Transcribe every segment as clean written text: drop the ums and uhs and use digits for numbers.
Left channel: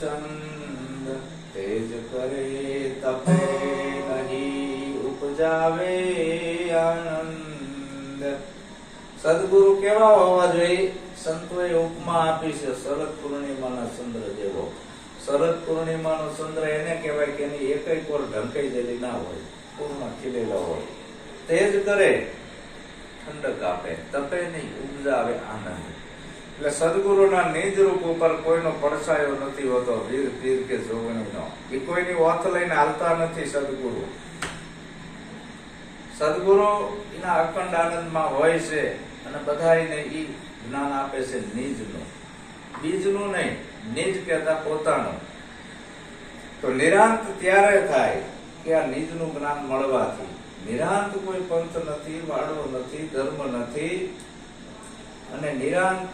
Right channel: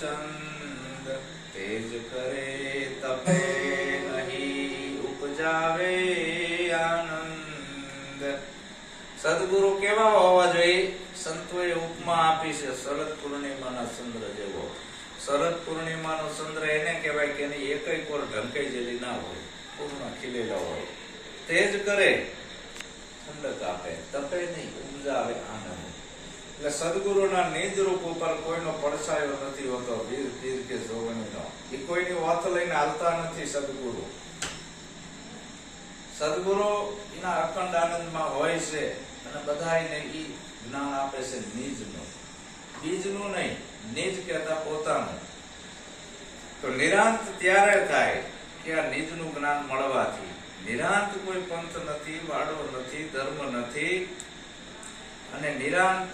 ચંદ તેજ કરે તપે નહીં ઉપજાવે આનંદ. સદગુરુ કેવા હોવા જોઈએ? સંતોએ ઉપમા આપી છે શરદ પૂર્ણિમાના ચંદ્ર જેવો. શરદ પૂર્ણિમાનો ચંદ્ર એને કહેવાય કે એની એકઈ કોર ઢંકાઈ જેલી ના હોય, પૂર્ણ ખીલેલો હોય. તેજ કરે, ઠંડક આપે, તપે નહીં ઉપજાવે આનંદ. એટલે સદગુરુના નિજ રૂપ ઉપર કોઈનો પડછાયો નથી હોતો, વીર પીર કે જોગણીનો. એ કોઈની ઓથ લઈને હાલતા નથી સદગુરુ. સદગુરુ એના અખંડ આનંદમાં હોય છે અને બધાને ઈ જ્ઞાન આપે છે નિજનું, બીજનું નહીં. નિજ કહેતા પોતાનું. તો નિરાંત ત્યારે થાય કે આ નિજનું જ્ઞાન મળવાથી. નિરાંત કોઈ પંથ નથી, વાડો નથી, ધર્મ નથી, અને નિરાંત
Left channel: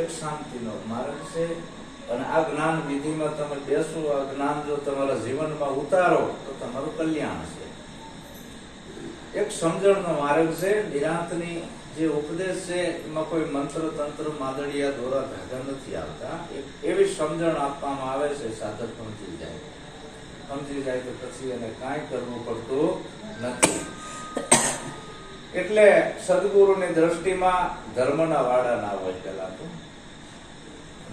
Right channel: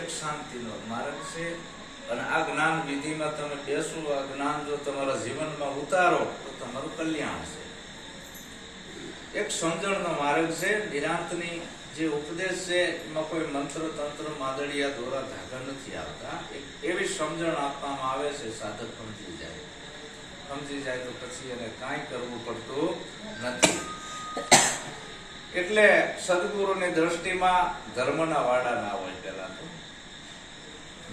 એક શાંતિનો માર્ગ છે. અને આ જ્ઞાન વિધિમાં તમે બેસો, આ જ્ઞાન જો તમારા જીવનમાં ઉતારો તો તમારું કલ્યાણ છે. એક સમજણનો માર્ગ છે. નિરાંતની જે ઉપદેશ છે એમાં કોઈ મંત્ર તંત્ર માદળિયા દોરા ધાગા નથી આવતા. એવી સમજણ આપવામાં આવે છે. સાધક સમજી જાય તો પછી એને કાંઈ કરવું પડતું નથી. એટલે સદગુરુની દ્રષ્ટિમાં ધર્મના વાડા ના હોય. પેલા તો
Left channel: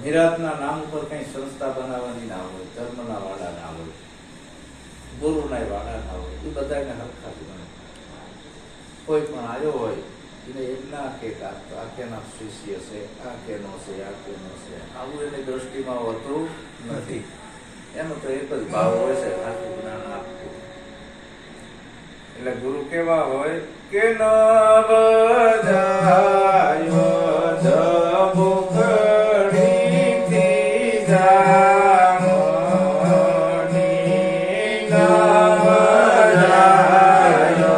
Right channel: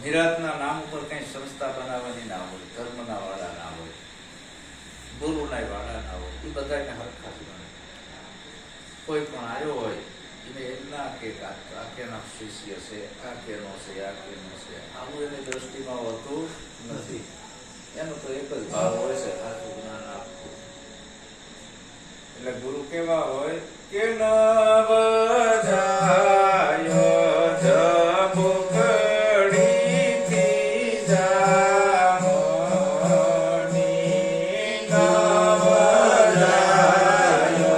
નિરાંતના નામ ઉપર કઈ સંસ્થા બનાવવાની ના હોય, ધર્મના વાડા ના હોય, ગુરુના વાડા ના હોય. એ બધાને હરખા જ ગણે. કોઈ પણ આવ્યો હોય એને એમ ના કે આ કેના શિષ્ય છે, આ કેનો છે, આ કેનો છે, આવું એની દ્રષ્ટિમાં હોતું નથી. એનો તો એક જ ભાવ હોય છે, સાચું જ્ઞાન આપવું. એટલે ગુરુ કેવા હોય કે નવ જાયો જબુકડીથી જામણી, નવ જાયો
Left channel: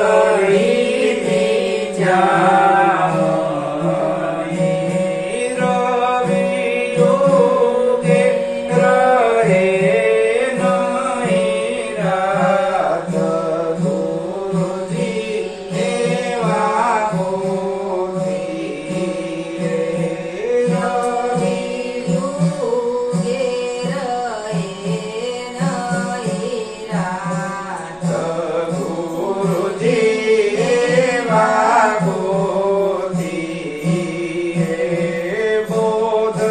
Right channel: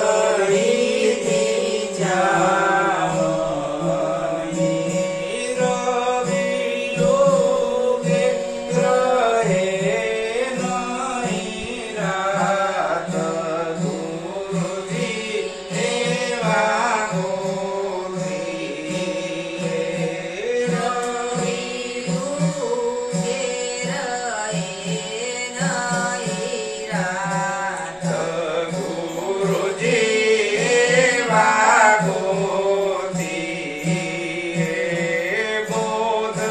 જબુકડીથી જામણી, રવિ યોગે રહે નહીં રાત, ગુરુજી એવા ગોરી. રવિ યુગે રહે નહીં રાત, ગુરુજી એવા ગોરી. બોધ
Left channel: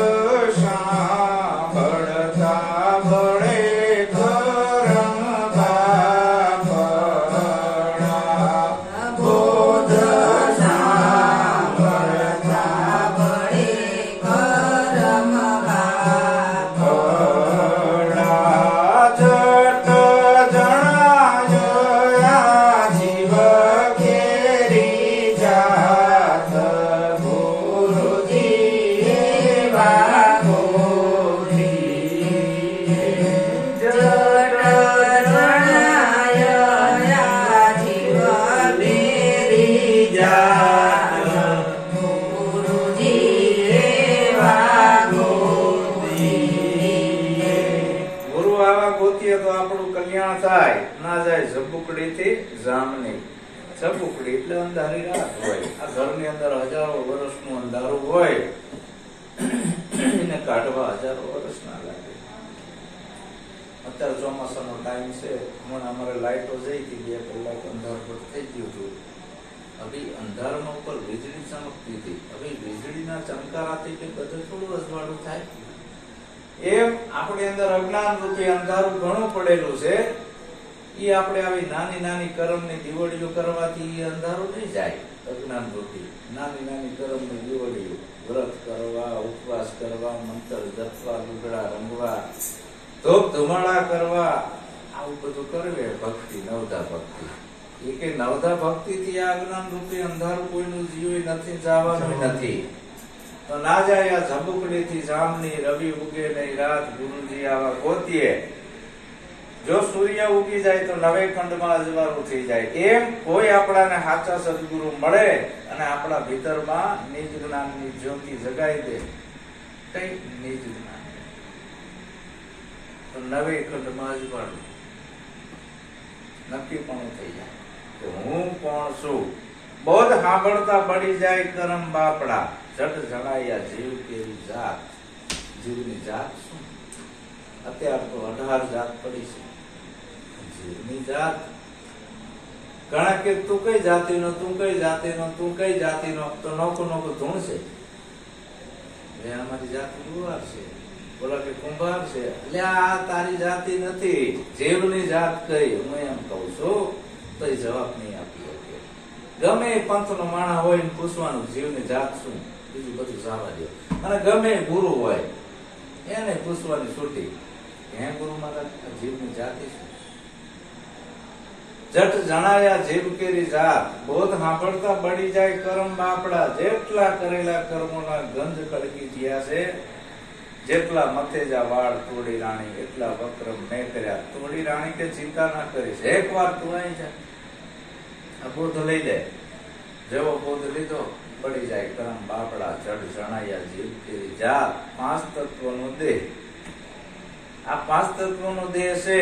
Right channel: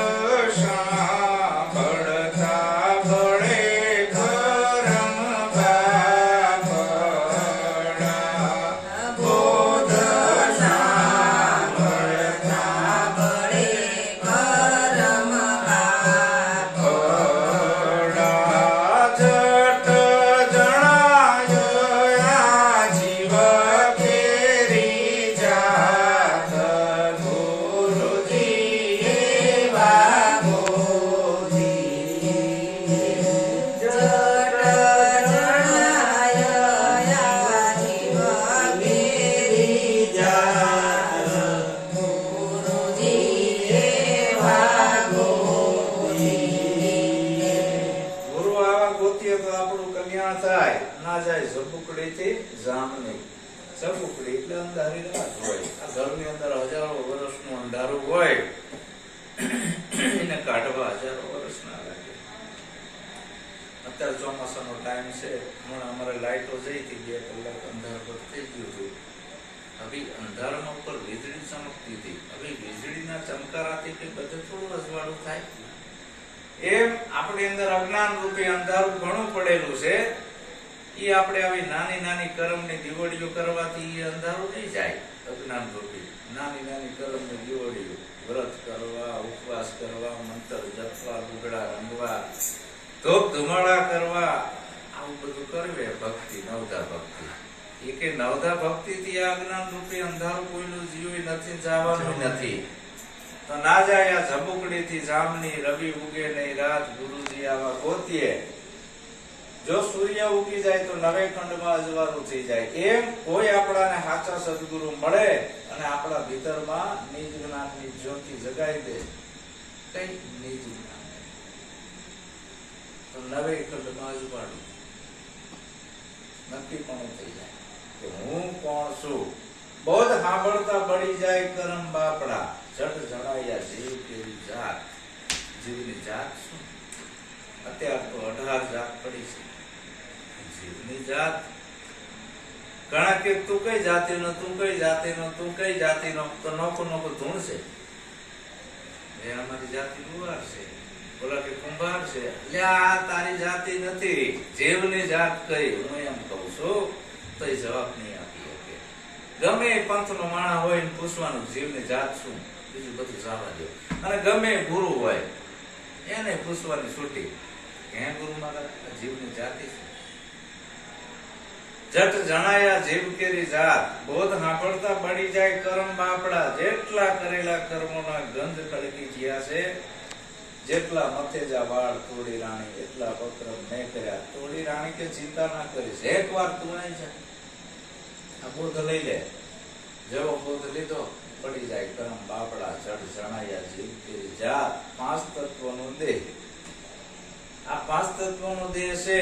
સાંભળતા બળે કરમ બાપડા, બોધ સાંભળતા બળે કરમ બાપડા. જટ જણાયો આ જીવ કેરી જાત, ગુરુજી એવા ગોરી. જટ જણાય જીવ બેરી જાત, ગુરુજી એવા ગોરી. ગુરુ આવા ગોતીએ તો આપણું કલ્યાણ થાય. ના જાય ઝબુકડી થી જામની. ઝબુકડી એટલે અંધારી રાત હોય. આ ઘરની અંદર હજારો વર્ષનું અંધારું હોય, એને કાઢવા હજારો વર્ષ ના લાગે. અત્યારે ચોમાસાનો ટાઈમ છે. હમણાં અમારે લાઈટો જઈ હતી, 2 કલાક અંધારું થઈ ગયું હતું. હવે અંધારામાં ઉપર વીજળી ચમકતી હતી. હવે વીજળીના ચમકારાથી કે બધું થોડું અજવાળું થાય. એમ આપણી અંદર અજ્ઞાન રૂપી અંધારું ઘણું પડેલું છે. એ આપણે આવી નાની નાની કર્મની દીવડીઓ કરવાથી એ અંધારું નહીં જાય. અજ્ઞાન રૂપી નાની નાની કર્મની દીવડીઓ, વ્રત કરવા, ઉપવાસ કરવા, મંત્ર જપવા, લુગડા રંગવા, ધૂપ ધુમાડા કરવા, આવું બધું કરવે ભક્તિ, નવધા ભક્તિ. એ કે નવધા ભક્તિ થી આ અજ્ઞાન રૂપી અંધારું કોઈનું જીવ નથી, જવાનું નથી. તો ના જાય આ ઝબુકડી થી જામની, રવિ ઉગે નહીં રાત, ગુરુજી આવા ગોતીએ. જો સૂર્ય ઉગી જાય તો નવે ખંડમાં અજવાળું થઈ જાય. એમ કોઈ આપણાને સાચા સદગુરુ મળે અને આપણા ભીતરમાં નિજ જ્ઞાનની જ્યોતિ જગાઈ દે. કઈ નિજ જ્ઞાન તો નવે ખંડમાં અજવાળું નક્કી પણ થઈ જાય કે હું કોણ છું. બોધ સાંભળતા બળી જાય કરમ બાપડા. જટ જણાયા જીવ કેવી જાત. જીવની જાત શું? અત્યારે તો 18 જાત પડી છે. જીવની જાત ઘણા કે તું કઈ જાતિનો, તું કઈ જાતિનો, તું કઈ જાતિનો, તો નોખું નોખું ધૂણશે. અમારી જાતિ લુહાર છે, બોલા કે કુંભાર છે. એટલે આ તારી જાતિ નથી, જીવની જાત કઈ. હું એમ કઉ છું તો એ જવાબ નહીં આપી શકે. ગમે એ પંથનો માણસ હોય ને પૂછવાનું જીવની જાત શું, બીજું બધું જવા દો. અને ગમે એ ગુરુ હોય એને પૂછવાની છૂટી, હે ગુરુ મારા જીવની જાતિ શું? જટ જણાયા જીવ કેરી જાત. બોધ સાંભળતા બળી જાય કરમ બાપડા. જેટલા કરેલા કર્મોના ગંધ ખડકી ગયા છે, જેટલા મથેજા વાળ તોડી રાણી, એટલા વક્રમ મેં કર્યા. તોડી રાણી કે ચિંતા ના કરીશ, એક વાર તું અહીં છે, આ બોધ લઈ લે. જેવો બોધ લીધો પડી જાય કરમ બાપડા. જટ જણાયા જીવ કેરી જાત. 5 તત્વનો દેહ. આ 5 તત્વનો દેહ છે,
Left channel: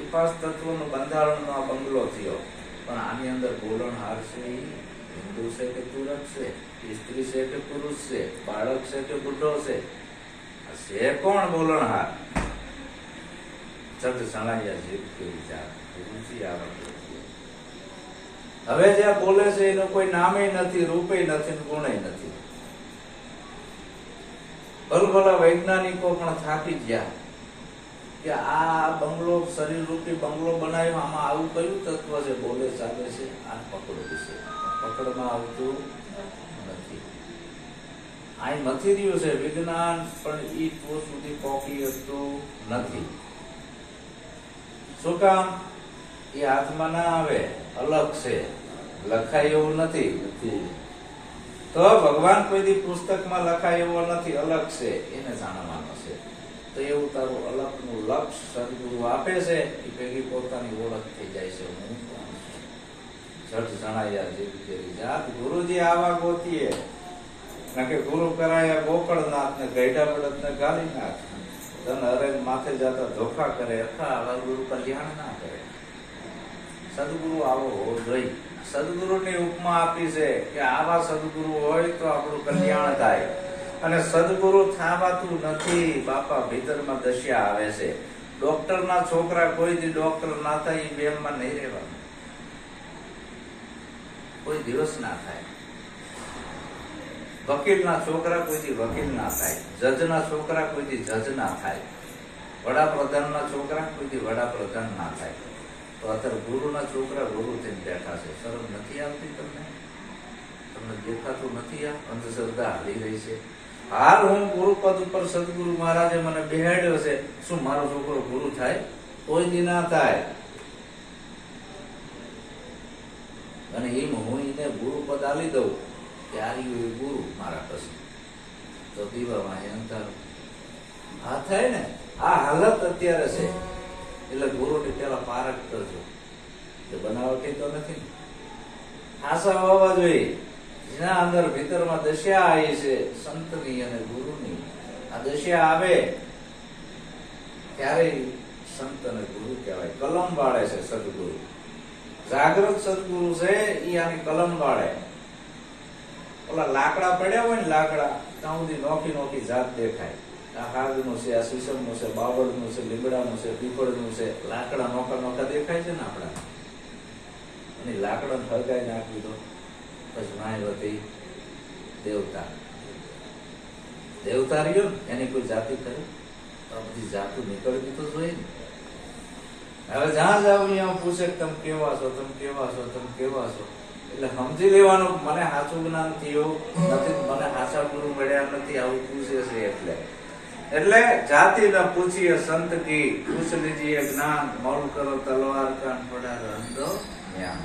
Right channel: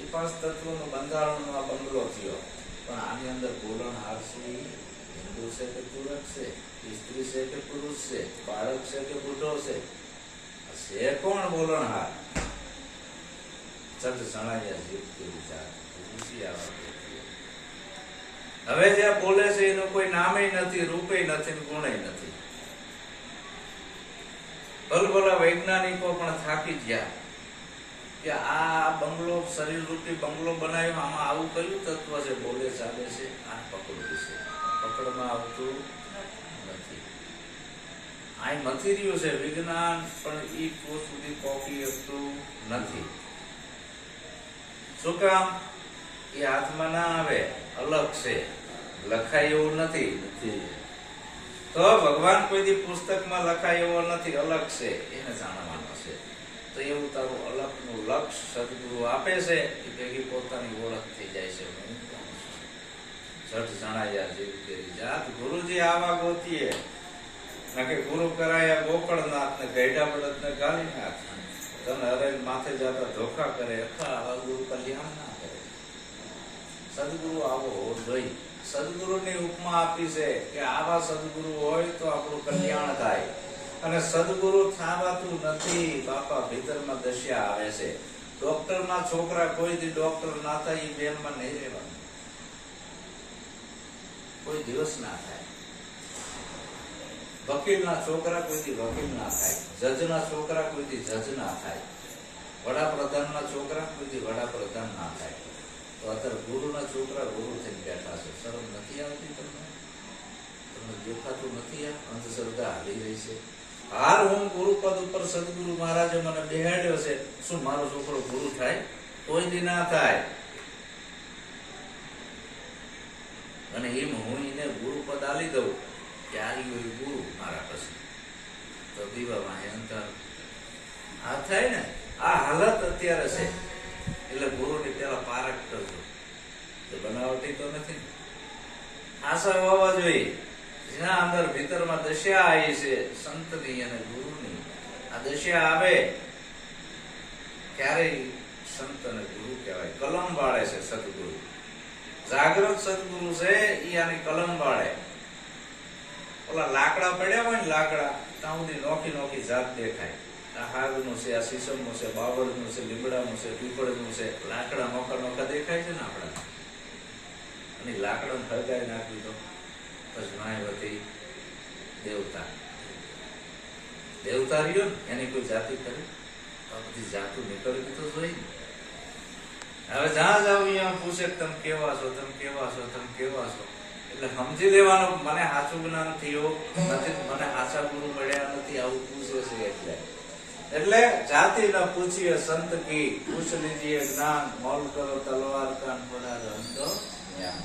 એ 5 તત્વોનું બંધારણનો આ બંગલો થયો. પણ આની અંદર બોલણહાર છે, હિન્દુ છે કે તુરક છે, સ્ત્રી છે કે પુરુષ છે, બાળક છે કે બુઢો છે, છે કોણ બોલણહાર? જટ જણાયા જીવ કેવી જાત. હવે જ્યાં બોલે છે એનું કોઈ નામે નથી, રૂપે નથી, ગુણે નથી. ભલભલા વૈજ્ઞાનિકો પણ થાકી ગયા કે આ બંગલો, શરીર રૂપી બંગલો બનાવ્યો, આમાં આવું કયું તત્વ છે? બોલે ચાલે છે, આ પકડ વિશે પકડમાં આવતું નથી. અહીં મથી રહ્યું છે વિજ્ઞાન, પણ ઈ પોત સુધી પહોંચી શકતું નથી. શું કામ? એ હાથમાં ના આવે, અલગ છે, લખાય એવું નથી. તો ભગવાન કોઈ દી પુસ્તકમાં લખાય એવો નથી, અલગ છે, એને જાણવાનો છે. તો એવું તારું અલગનું લક્ષ સદગુરુ આપે છે, એ ભેગી પોતાની ઓળખ થઈ જાય છે. હું જટ જણાયા જીવ કેરી જાત. ગુરુજી આવા ગોતીએ કે ગુરુ કરાયા ગોકળનાથ ને ગઈઢા બળદ ને ગાલીનાથ. તને અરે માથે જતા ધોખા કરે, આવા ગુરુ કલ્યાણ ના કરે. સદગુરુ આવો હોવો જોઈએ. સદગુરુની ઉપમા આપી છે કે આવા સદગુરુ હોય તો આપણું કલ્યાણ થાય. અને સદગુરુ થાવાતું નથી બાપા, ભીતરમાં દશા આવે છે. ડોક્ટર ના છોકરા કોઈ દી ડોક્ટર ના થાય, એ વેમમાં નહીં રહેવાનું, કોઈ દિવસ ના થાય. વકીલ ના છોકરા કોઈ દી વકીલ ના થાય, જજ ના છોકરા કોઈ દી જજ ના થાય, વડાપ્રધાન ના છોકરા કોઈ દી વડાપ્રધાન ના થાય. તો અત્યારે ગુરુ ના છોકરા ગુરુ થઈને બેઠા છે. શરમ નથી આવતી તમને? તમને દેખાતું નથી? આ અંધશ્રદ્ધા હાલી રહી છે. હાલ હું ગુરુ પદ ઉપર સદગુરુ મહારાજે મને બેહાડ્યો છે, શું મારો છોકરો ગુરુ થાય? કોઈ દી ના થાય. અને એમ હું એને ગુરુ પદ આલી દઉં કે આ ગુરુ મારા પછી તો દીવામાં અંતર આ થાય ને. આ હાલત અત્યારે છે. એટલે ગુરુની પેલા પારખ કરજો. બનાવટી તો નથી, આશા હોવા જોઈએ. જેના અંદર ભીતરમાં દશા આવી છે સંતની અને ગુરુની, આ દશા આવે ત્યારે સંત અને ગુરુ કહેવાય. કલમ વાળે છે સદગુરુ. જાગૃત સદગુરુ છે એ આની કલમ વાળે. ઓલા લાકડા પડ્યા હોય ને, લાકડા ત્યાં સુધી નોખી નોખી જાત દેખાય. આ હાગનું છે, આ સીસમનું છે, બાબરનું છે, લીમડાનું છે, પીપળનું છે. લાકડા નોખા નોખા દેખાય છે ને આપડા. અને લાકડા હળગાઈ નાખવી તો પછી માયવતી દેવતા. દેવતા રહ્યો ને એની કોઈ જાતિ કરે? આ બધી જાતું નીકળવી તો જોઈએ ને. હવે જ્યાં જાવ અહીંયા પૂછે તમે કેવા છો, તમે કેવા છો, તમે કેવા છો. એટલે સમજી લેવાનું મને સાચું જ્ઞાન થયું નથી, મને સાચા ગુરુ મળ્યા નથી, આવું પૂછે છે. એટલે જાતિ ન પૂછીએ સંત કી, પૂછ લીજીએ જ્ઞાન. મોલ કરો તલવાર કાન પડા રંધો જ્ઞાન.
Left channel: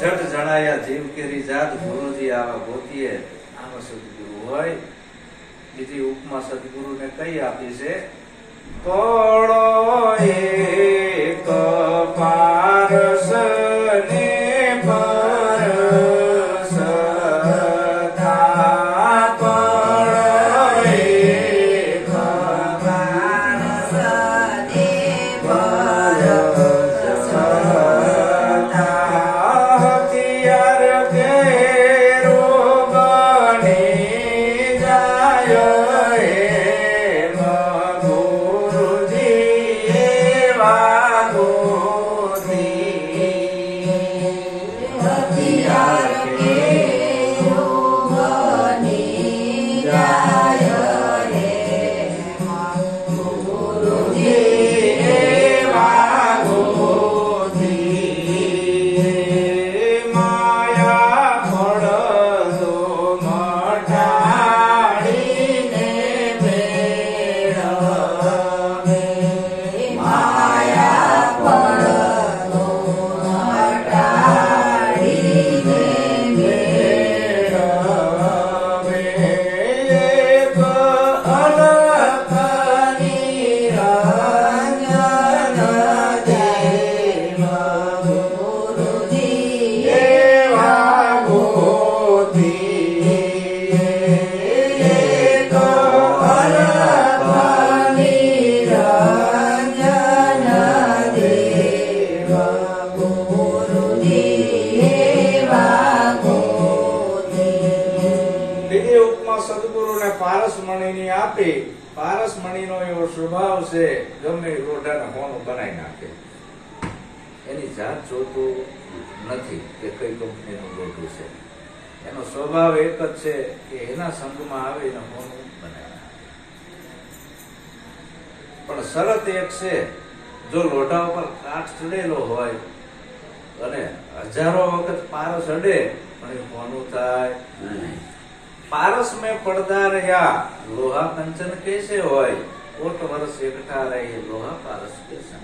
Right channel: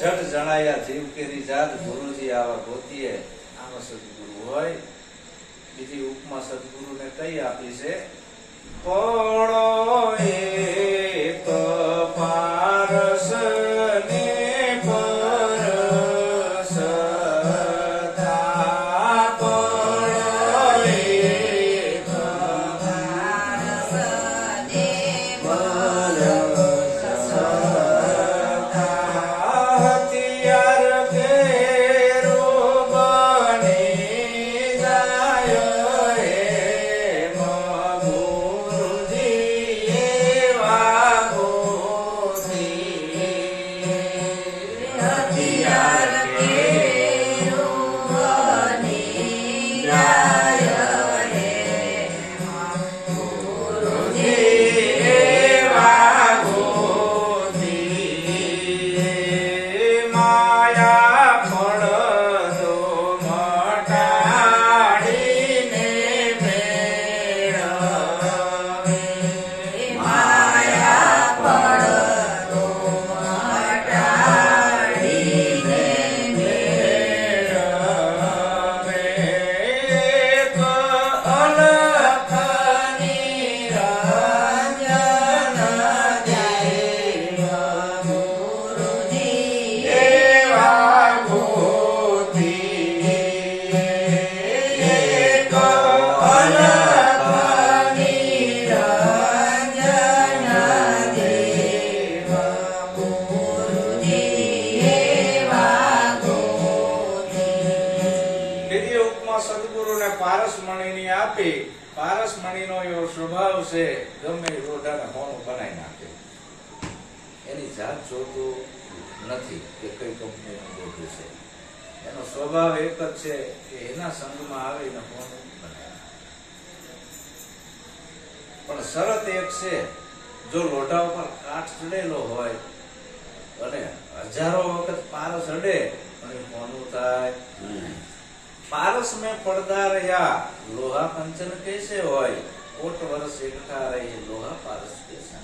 જટ જણાયા જીવ કેરી જાત. ગુરુજી આવા ગોતીએ. આવા સદગુરુ હોય. બીજી ઉપમા સદગુરુ ને કઈ આપી છે? થોડો એક પારસ ને પરસ થા. થોડો એક પારસ ને પરસ થા. હથિયાર કેરો સદગુરુને પારસમણીની આપી. પારસમણીનો એવો સ્વભાવ છે, ગમે એ લોઢાને હોનું બનાવી નાખે. એની જાત જોતું નથી કે કઈ કંપનીનું લોઢું છે. એનો સ્વભાવ એક જ છે કે એના સંગમાં આવીને હોનું બનાવી નાખે. પણ શરત એક છે, જો લોઢા ઉપર કાટ ચડેલો હોય અને હજારો વખત પારસ અડે પણ એ હોનું થાય નહીં. पारस में पड़दा रहा लोहा कंचन कैसे होय, कोट वर्ष एकठा रही लोहा पारस कैसा.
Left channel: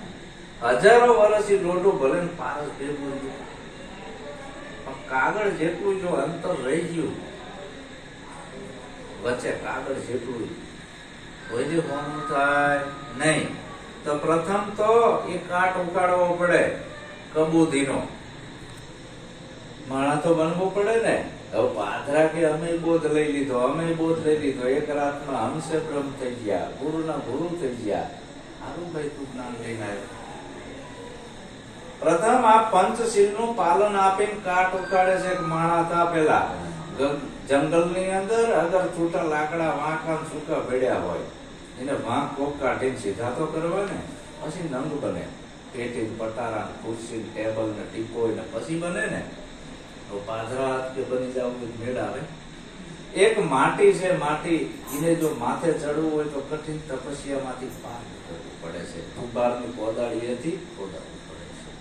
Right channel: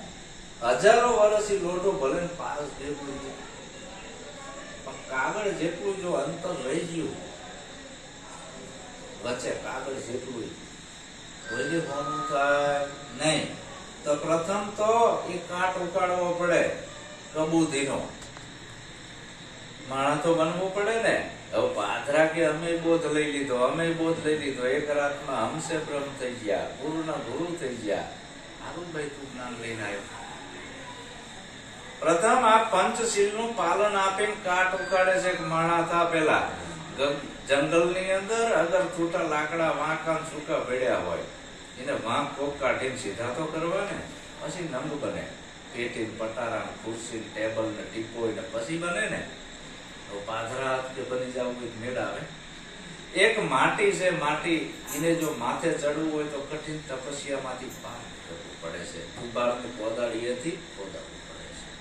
हजारों वर्ष लोटो भले पारस ભેગું છે, પણ કાગળ જેટલું જો અંતર રહી ગયું વચ્ચે, કાગળ જેટલું કોઈ હોનું થાય નહીં. તો પ્રથમ તો એ કાટ ઉકાળવો પડે કબૂધીનો. માણા તો બનવું પડે ને. હવે પાદરા કે અમે બોધ લઈ લીધો, અમે બોધ લઈ લીધો, એક રાતમાં હમસે બ્રહ્મ થઈ ગયા, ગુરુના ગુરુ થઈ ગયા. સારું ભાઈ, તું જ્ઞાન લઈને આવ્યો. પ્રથમ આ પંચશીલ નું પાલન આપીને કાટ ઉકાળે છે. માણા હતા પેલા જંગલ ની અંદર, અગર છૂટા લાકડા વાંકા સૂકા ભેડ્યા હોય એને વાંક કોક કાઢીને સીધા તો કરવા ને, પછી નંગ બને. પેટી પટારા ખુરશી ટેબલ ને ટીપો ને પછી બને ને. પાદરા કે બની જાવ મેળ આવે. એક માટી છે, માટી એને જો માથે ચડવું હોય તો કઠિન તપસ્યા માંથી પાર કરવું પડે છે. કુંભારની કોદાળી હતી, કોદાળવું પડે છે,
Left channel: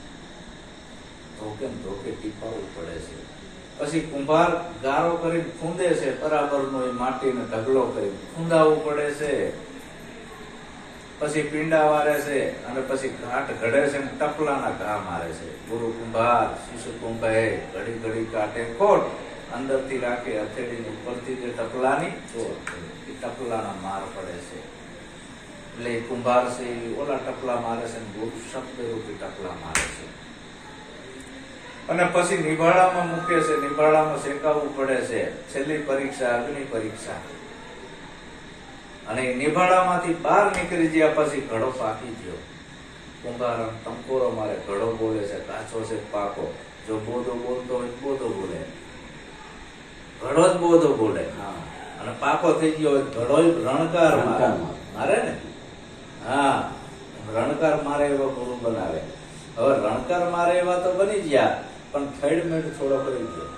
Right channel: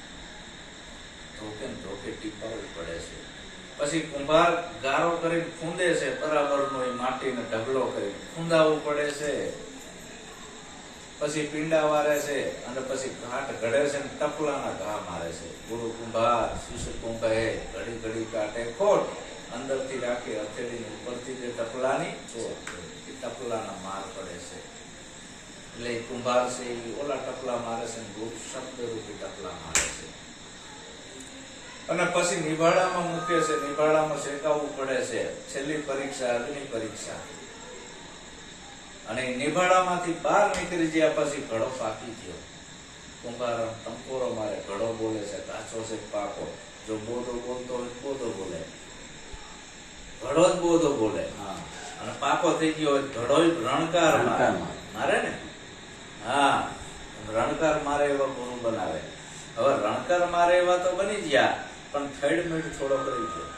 ધોકે ધોકે ટીપાવવું પડે છે. પછી કુંભાર ગારો કરીને ખૂંદે છે, બરાબર નો એ માટીને ઢગલો કરી ખૂંદાવવું પડે છે. પછી પીંડા વારે છે અને પછી ઘાટ ઘડે છે, ટપલાના ઘા મારે છે. ગુરુ કુંભાર શિષ્ય કુંભારે ઘડી ઘડી કાટે ખોટ અંદર થી રાખે હથેળી ઉપરથી જે ટપલાની ટપલાના માર પડે છે. એટલે કુંભાર છે ઓલા ટપલા મારે છે, ગુરુ શબ્દ રૂપી ટપલા મારે છે. અને પછી નિભાડામાં મૂકે છે, નિભાડામાં શેકાવવું પડે છે. છેલ્લી પરીક્ષા અગ્નિ પરીક્ષા. અને નિભાડામાંથી બહાર નીકળી ગયા પછી ઘડો પાકી ગયો. કુંભાર ટંકોરો મારે, ઘડો બોલે છે, કાચો છે પાકો. જો બોધો બોલતો હોય બોધો બોલે, ઘડો જ બોધો બોલે. અને પાકો થઈ ગયો હોય ઘડો રણકાર મારે ને. હા, રણકાર મારે એવા ગુરુ બનાવે. હવે રણકાર મારે એવા તો બની ગયા, પણ થેડ મેડ થોડો કરી ગયો.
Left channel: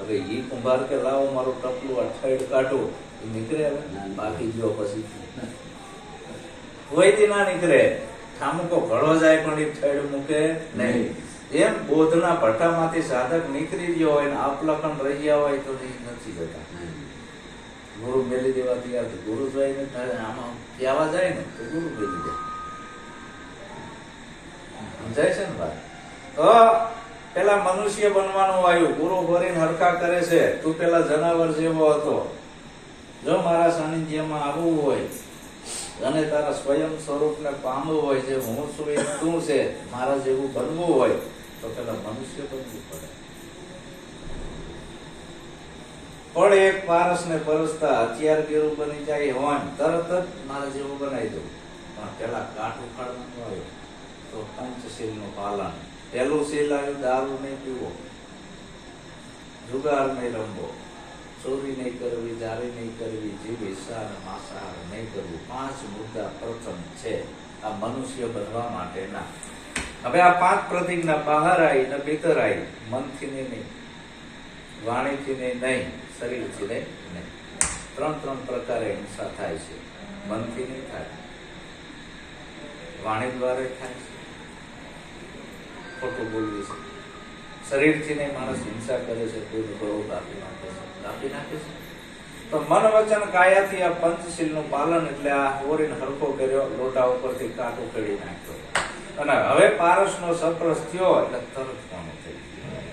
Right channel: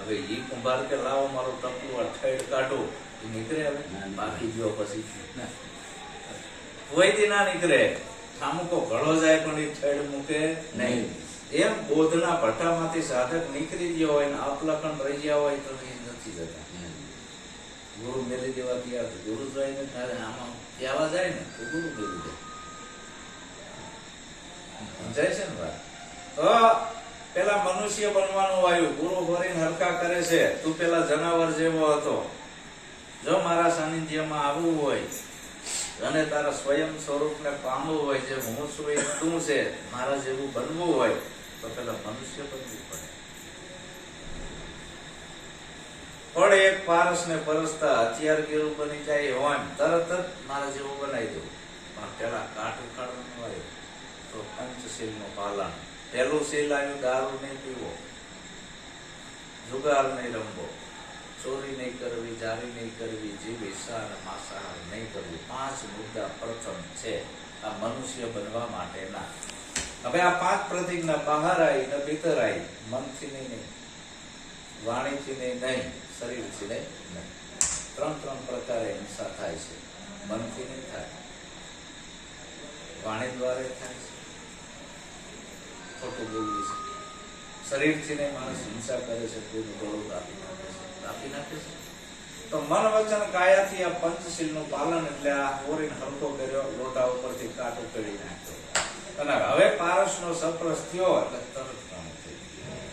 હવે ઈ કુંભાર કે લાવો મારું ટપલું આ થેડ કાઢું, નીકળે. હવે બાકી ગયો પછી કોઈ દી ના નીકળે. ઠામુકો ઘડો જાય પણ એ થેડ મૂકે નહીં. એમ બોધના ભઠ્ઠામાંથી સાધક નીકળી ગયો હોય ને આપલખન રહી ગયા હોય તો એ નથી જતા. ગુરુ મેલી દેવા તૈયાર. ગુરુ જોઈને આમાં કહેવા જાય ને તો ગુરુ મેલી દે. સમજાય છે ને ભાઈ? તો પેલા મનુષ્ય બનવાનું આવ્યું. ગુરુ ભરીને હરખા કરે છે. તું પેલા જનાવર જેવો હતો. જો મારા સાનિધ્યમાં આવવું હોય અને તારા સ્વયં સ્વરૂપને પામવું હોય, જે હું છું એ તું છે, મારા જેવું બનવું હોય તો પેલા મનુષ્ય બનવું પડે. પણ એક પારસ ને પરસતા હથિયાર કેરું બની જાય હોય તરત જ મારા જેવું બનાવી દઉં. પણ પેલા કાઠ ઉખાડવાનું આવ્યું તો પંચશીલ નું પાલન. પેલું શીલ આવ્યું, દારૂ નહીં પીવો, જુગાર નહીં રમવો, ચોરી નહીં કરવી, જારી નહીં કરવી, જીવ હિસ્સા અને માંસાહાર નહીં કરવું. 5 મુદ્દા પ્રથમ છે આ મનુષ્ય બનવા માટેના. હવે આ 5 પ્રતિજ્ઞા બહાર આવી ને ભીતર આવી. મનથી નહીં, વાણીથી નહીં, શરીરથી નહીં. 3 પ્રકારે હિંસા થાય છે. મનથી નહીં થાય, વાણી દ્વારા થાય છે, ખોટું બોલવી છે. શરીરથી નહીં, માણસ હિંસા કરે છે, કોઈનું ગળું કાપી નાખે છે. તો મન વચન કાયાથી આ પંચશીલ નું પાલન, એટલે આ ઓરીને હરખો કર્યો, લોટા ઉપરથી કાટ ઉકેડી નાખ્યો. અને હવે પારસ નો સપ્રસ થયો એટલે તરત કામ થઈ ગયું,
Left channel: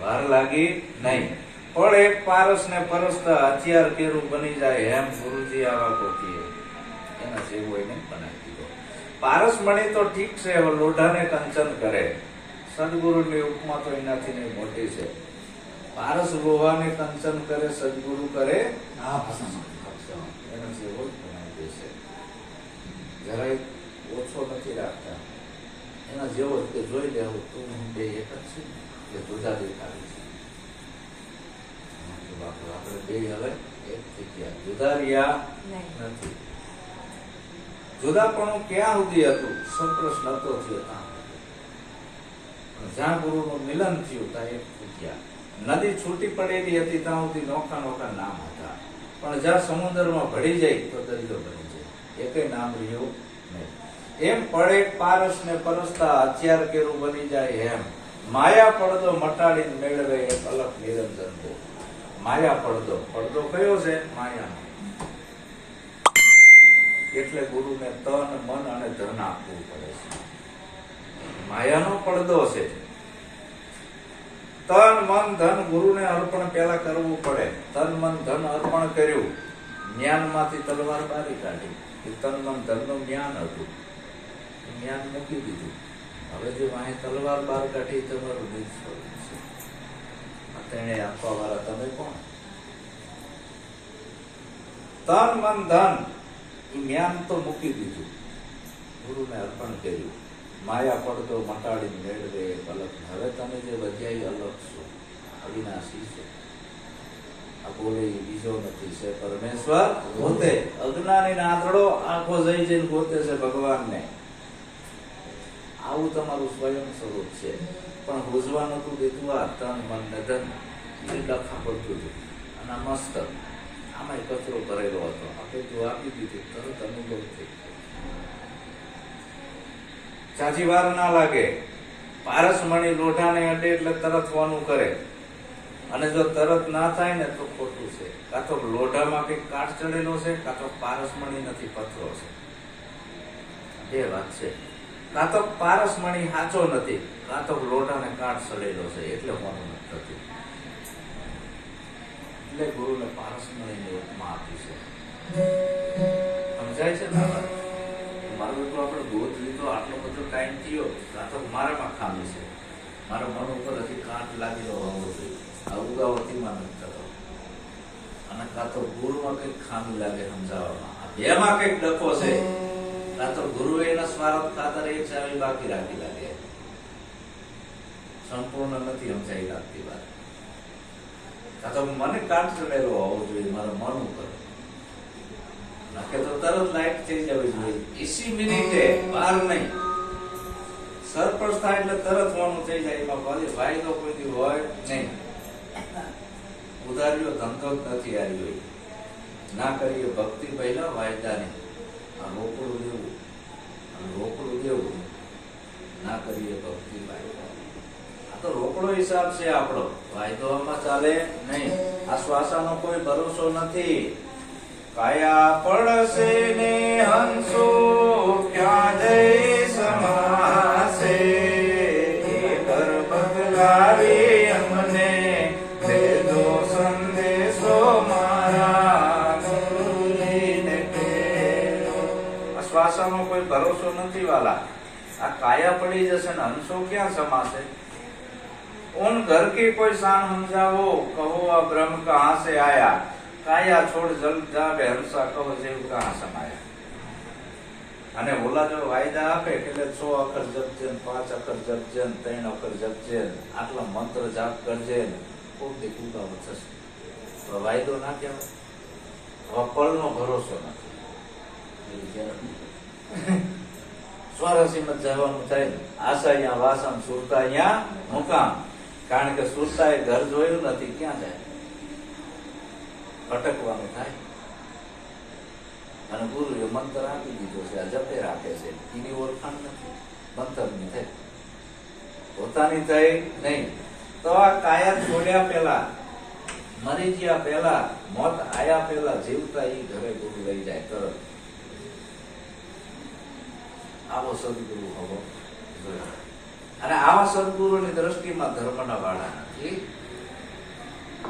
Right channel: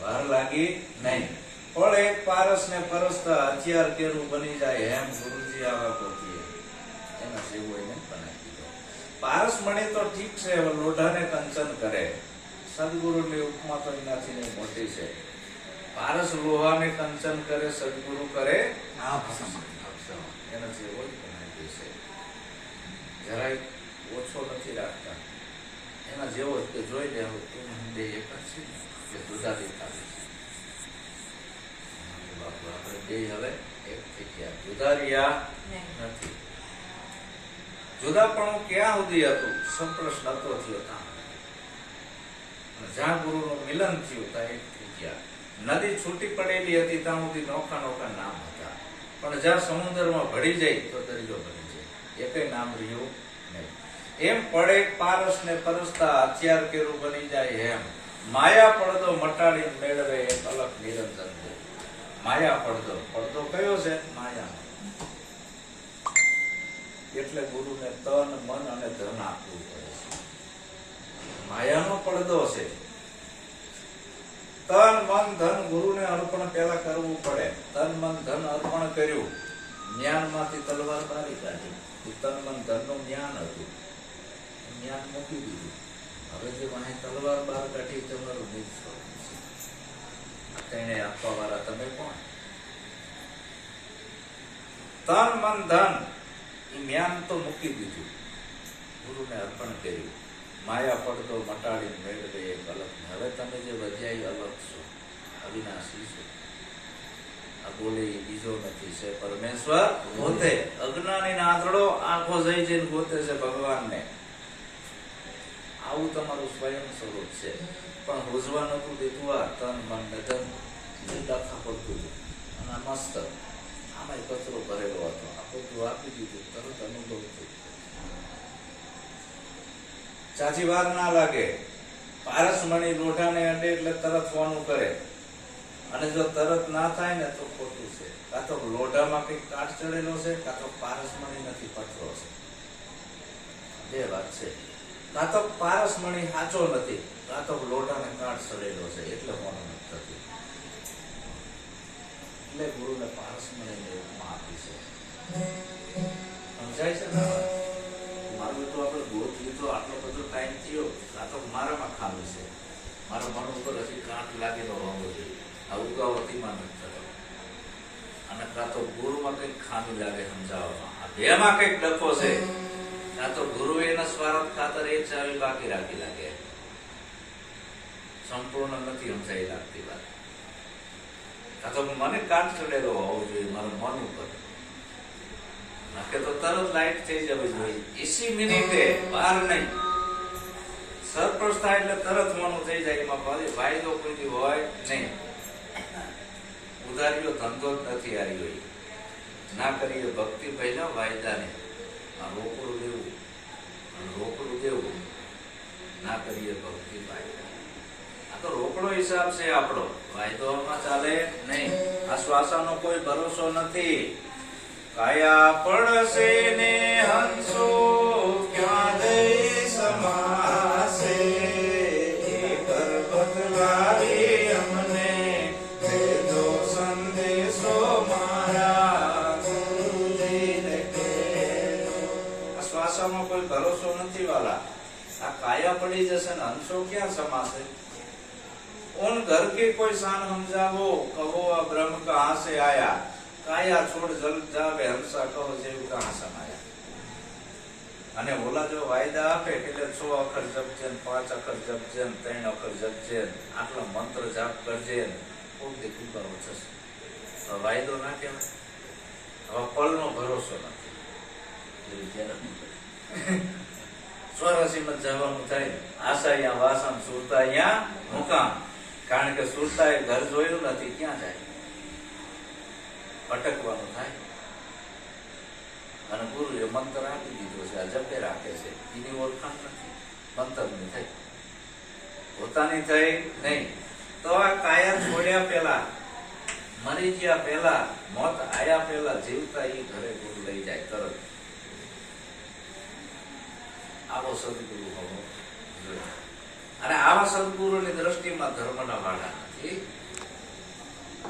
વાર લાગી નહીં. પણ એક પારસ ને પરસતા હથિયાર કેરું બની જાય એમ ગુરુજી આવા કોકીએ એના જેવું એને બનાવી દીધો. પારસ મણી તો ઠીક છે, હવે લોઢાને કંચન કરે. સદગુરુની ઉપમા તો એનાથી નહીં મોટી છે. પારસ લોહાને કંચન કરે, સદગુરુ કરે એના જેવો જ બનાવી દેશે. જરાય ઓછો નથી રાખતા, એના જેવો જ કે જોઈ લે. તું બે એક જ છે કે જુદા દેખાડી છે. બાપુ આપણે બે હવે એક થઈ ગયા, જુદા રહ્યા નહીં. નથી. જુદાપણું ક્યાં સુધી હતું? સંપ્રશ્ન નતો થયો ત્યાં. જ્યાં ગુરુનું મિલન થયું ત્યાં એક થઈ ગયા. નદી છૂટી પડેલી હતી ત્યાં સુધી નોખા નોખા નામ હતા, પણ જ્યાં સમુદ્રમાં ભળી જાય તો દરિયો બની જાય, એકય નામ રહ્યું નહીં. એમ પડે પારસ ને પરસતા હથિયાર કેરું બની જાય, એમ માયા પડદો મટાડીને મેળવે એક અલગ નિરંજન દે. માયા પડદો, પડદો કયો છે? માયાનો. એટલે ગુરુને તન મન અને ધન આપવું પડે છે. માયાનો પડદો છે. તન મન ધન ગુરુને અર્પણ પેલા કરવું પડે. તન મન ધન અર્પણ કર્યું, જ્ઞાનમાંથી તલવાર બારી કાઢી. તન મન ધન નું જ્ઞાન હતું, જ્ઞાન મૂકી દીધું. હવે જે વાહે તલવાર બાર કાઢી તમારું નિજ સ્વરૂપ છે. તેને આપવા વાળા તમે કોણ? તન મન ધન એ જ્ઞાન તો મૂકી દીધું, ગુરુને અર્પણ કર્યું. માયા પડતો મટાડીને મેળવે એક અલગ. હવે તમે જે વધ્યા અલગ છો, અવિનાશી છો. આ બોલે એ બીજો નથી, છે પરમેશ્વર પોતે. અજ્ઞાની આંધળો આંખો જઈ જઈને ગોતે છે ભગવાનને. આવું તમારું સ્વયં સ્વરૂપ છે. પણ હોજવા નતું દેતું આ તન મન ને ધન, એ ડખા પડતું હતું. અને મસ્ત આમાં કચરો કરેલો હતો. આપણે જો આપી દીધું તરત અનુભવ થઈ ગયો. ચાચી વાર ના લાગે. પારસમણી લોઢાને અડે એટલે તરત વાનું કરે, અને જો તરત ના થાય ને તો ખોટું છે. કાં તો લોઢામાં કઈક કાટ ચડેલો છે, કાં તો પારસમણી નથી, પથરો છે. બે વાત છે. કાં તો પારસમણી સાચો નથી, કાં તો લોઢાને કાટ ચડેલો છે, એટલે વાનું નથી થતું. એટલે ગુરુને પારસમણીની ઉપમા આપી છે. સમજાય છે ને? મારું તો આપણે ગોત લીધો, આટલો બધો ટાઈમ થયો, કાં તો મારામાં ખામી છે, મારા મન ઉપર હજી કાંટ લાગેલો હોવો જોઈએ. આ ઉગાવતીમાં નથી થતો. અને કાં તો ગુરુમાં કઈક ખામી લાગે સમજાવવામાં. આ બેમાં કઈક ડખો છે. કાં તો ગુરુ એના સ્વાર્થ ખાતર એક ચાવી બાકી રાખી લાગે. સંપૂર્ણ નથી સમજાઈ લાગતી વાત. કાં તો મને કાંટ ચડેલો હોવો જોઈએ મારા મન ઉપર, કે તો તરત લાઈટ થઈ જવી જોઈએ. 80 મિનિટે, વાર નહીં. સરપ્રસ્ત થાય એટલે તરત મોનું થઈ જાય. એમાં ભાઈ તો કોઈ હોય નહીં. ઉધારીઓ ધંધો જ નથી હારી ગઈ. ના કરીએ ભક્તિ પહેલા વાયદા નહીં. આ રોકડું દેવું, રોકડું દેવું. ના કરીએ ભક્તિ વાયદા. આ તો રોકડો હિસાબ છે આપણો, વાયદો આમાં ચાલે નહીં. આ શ્વાસાનો કોઈ ભરોસો નથી. કાયા પડશે ને હંસો ક્યાં જઈ સમાસે. ઘર બદલાવી અમને દેજો સંદેશો મારા ગુરુજીને ટેરો. આ શ્વાસાનો કોઈ ભરોસો નથી વાલા. આ કાયા પડી જશે ને હંસો ક્યાં સમાશે. उन घर की कोई शान समझावो, कहो आ ब्रह्म कहाँ से आया. काया छोड़ जल जावे हंसा, કહો જેવ કહાં સમાયા. અને ઓલા જો વાયદા આપે એટલે 6 અક્ષર જપજે, 5 અક્ષર જપજે, 3 અક્ષર જપજે, આટલા મંત્ર જાપ કરજે, ખૂબ દીકુગાવ થશે. વાયદો ના કહેવાય. હવે પળનો ભરોસો નથી. સ્વરાશીમાં જવાનું થાય, આશા અહીંયા વાસણ, સુરતા અહીંયા મુકામ. કારણ કે સુરતા એ ઘર જોયું નથી, ક્યાં જાય? ભટકવાનું થાય. અને ગુરુએ મંત્ર આપી દીધો છે, આ જપે રાખે છે, એની ઓળખાણ નથી, મંત્રની થઈ, પોતાની થઈ નહીં. તો આ કાયા છોડ્યા પેલા, મરી ગયા પેલા, મોત આયા પેલા જીવતા એ ઘરે ગુરુ લઈ જાય તરત. આવો સદગુરુ હોવો જોઈએ. અને આવા સદગુરુની દ્રષ્ટિમાં ધર્મના વાળા નથી,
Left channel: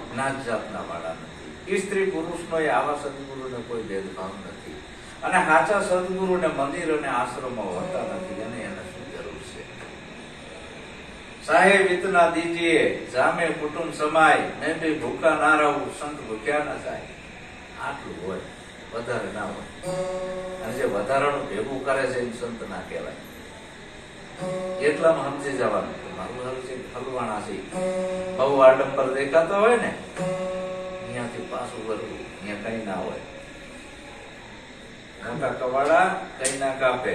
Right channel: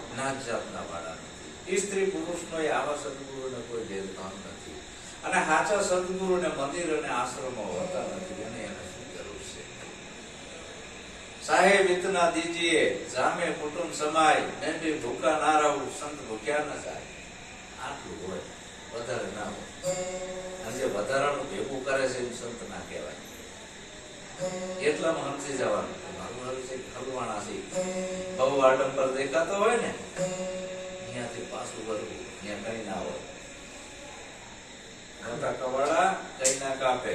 જ્ઞાત જાતના વાળા નથી. સ્ત્રી પુરુષનો એ આવા સદગુરુને કોઈ ભેદભાવ નથી. અને સાચા સદગુરુને મંદિર અને આશ્રમો હોતા નથી. એને એને શું જરૂર છે? સાહેબ ઇતના દીજીએ, જામે કુટુંબ સમાય, મેં ભી ભૂખા ના રહું, સંત ભૂખ્યા ના જાય. આટલું હોય, વધારે ના હોય. અને જે વધારાનું ભેગું કરે છે એ સંત ના કહેવાય. એટલામાં સમજી જવાનું મારું હાલ છે, હલવાણા છે. બહુ આડંબર દેખાતા હોય ને, કઈ ના હોય. મોટા કવાડા કઈ ના કાપે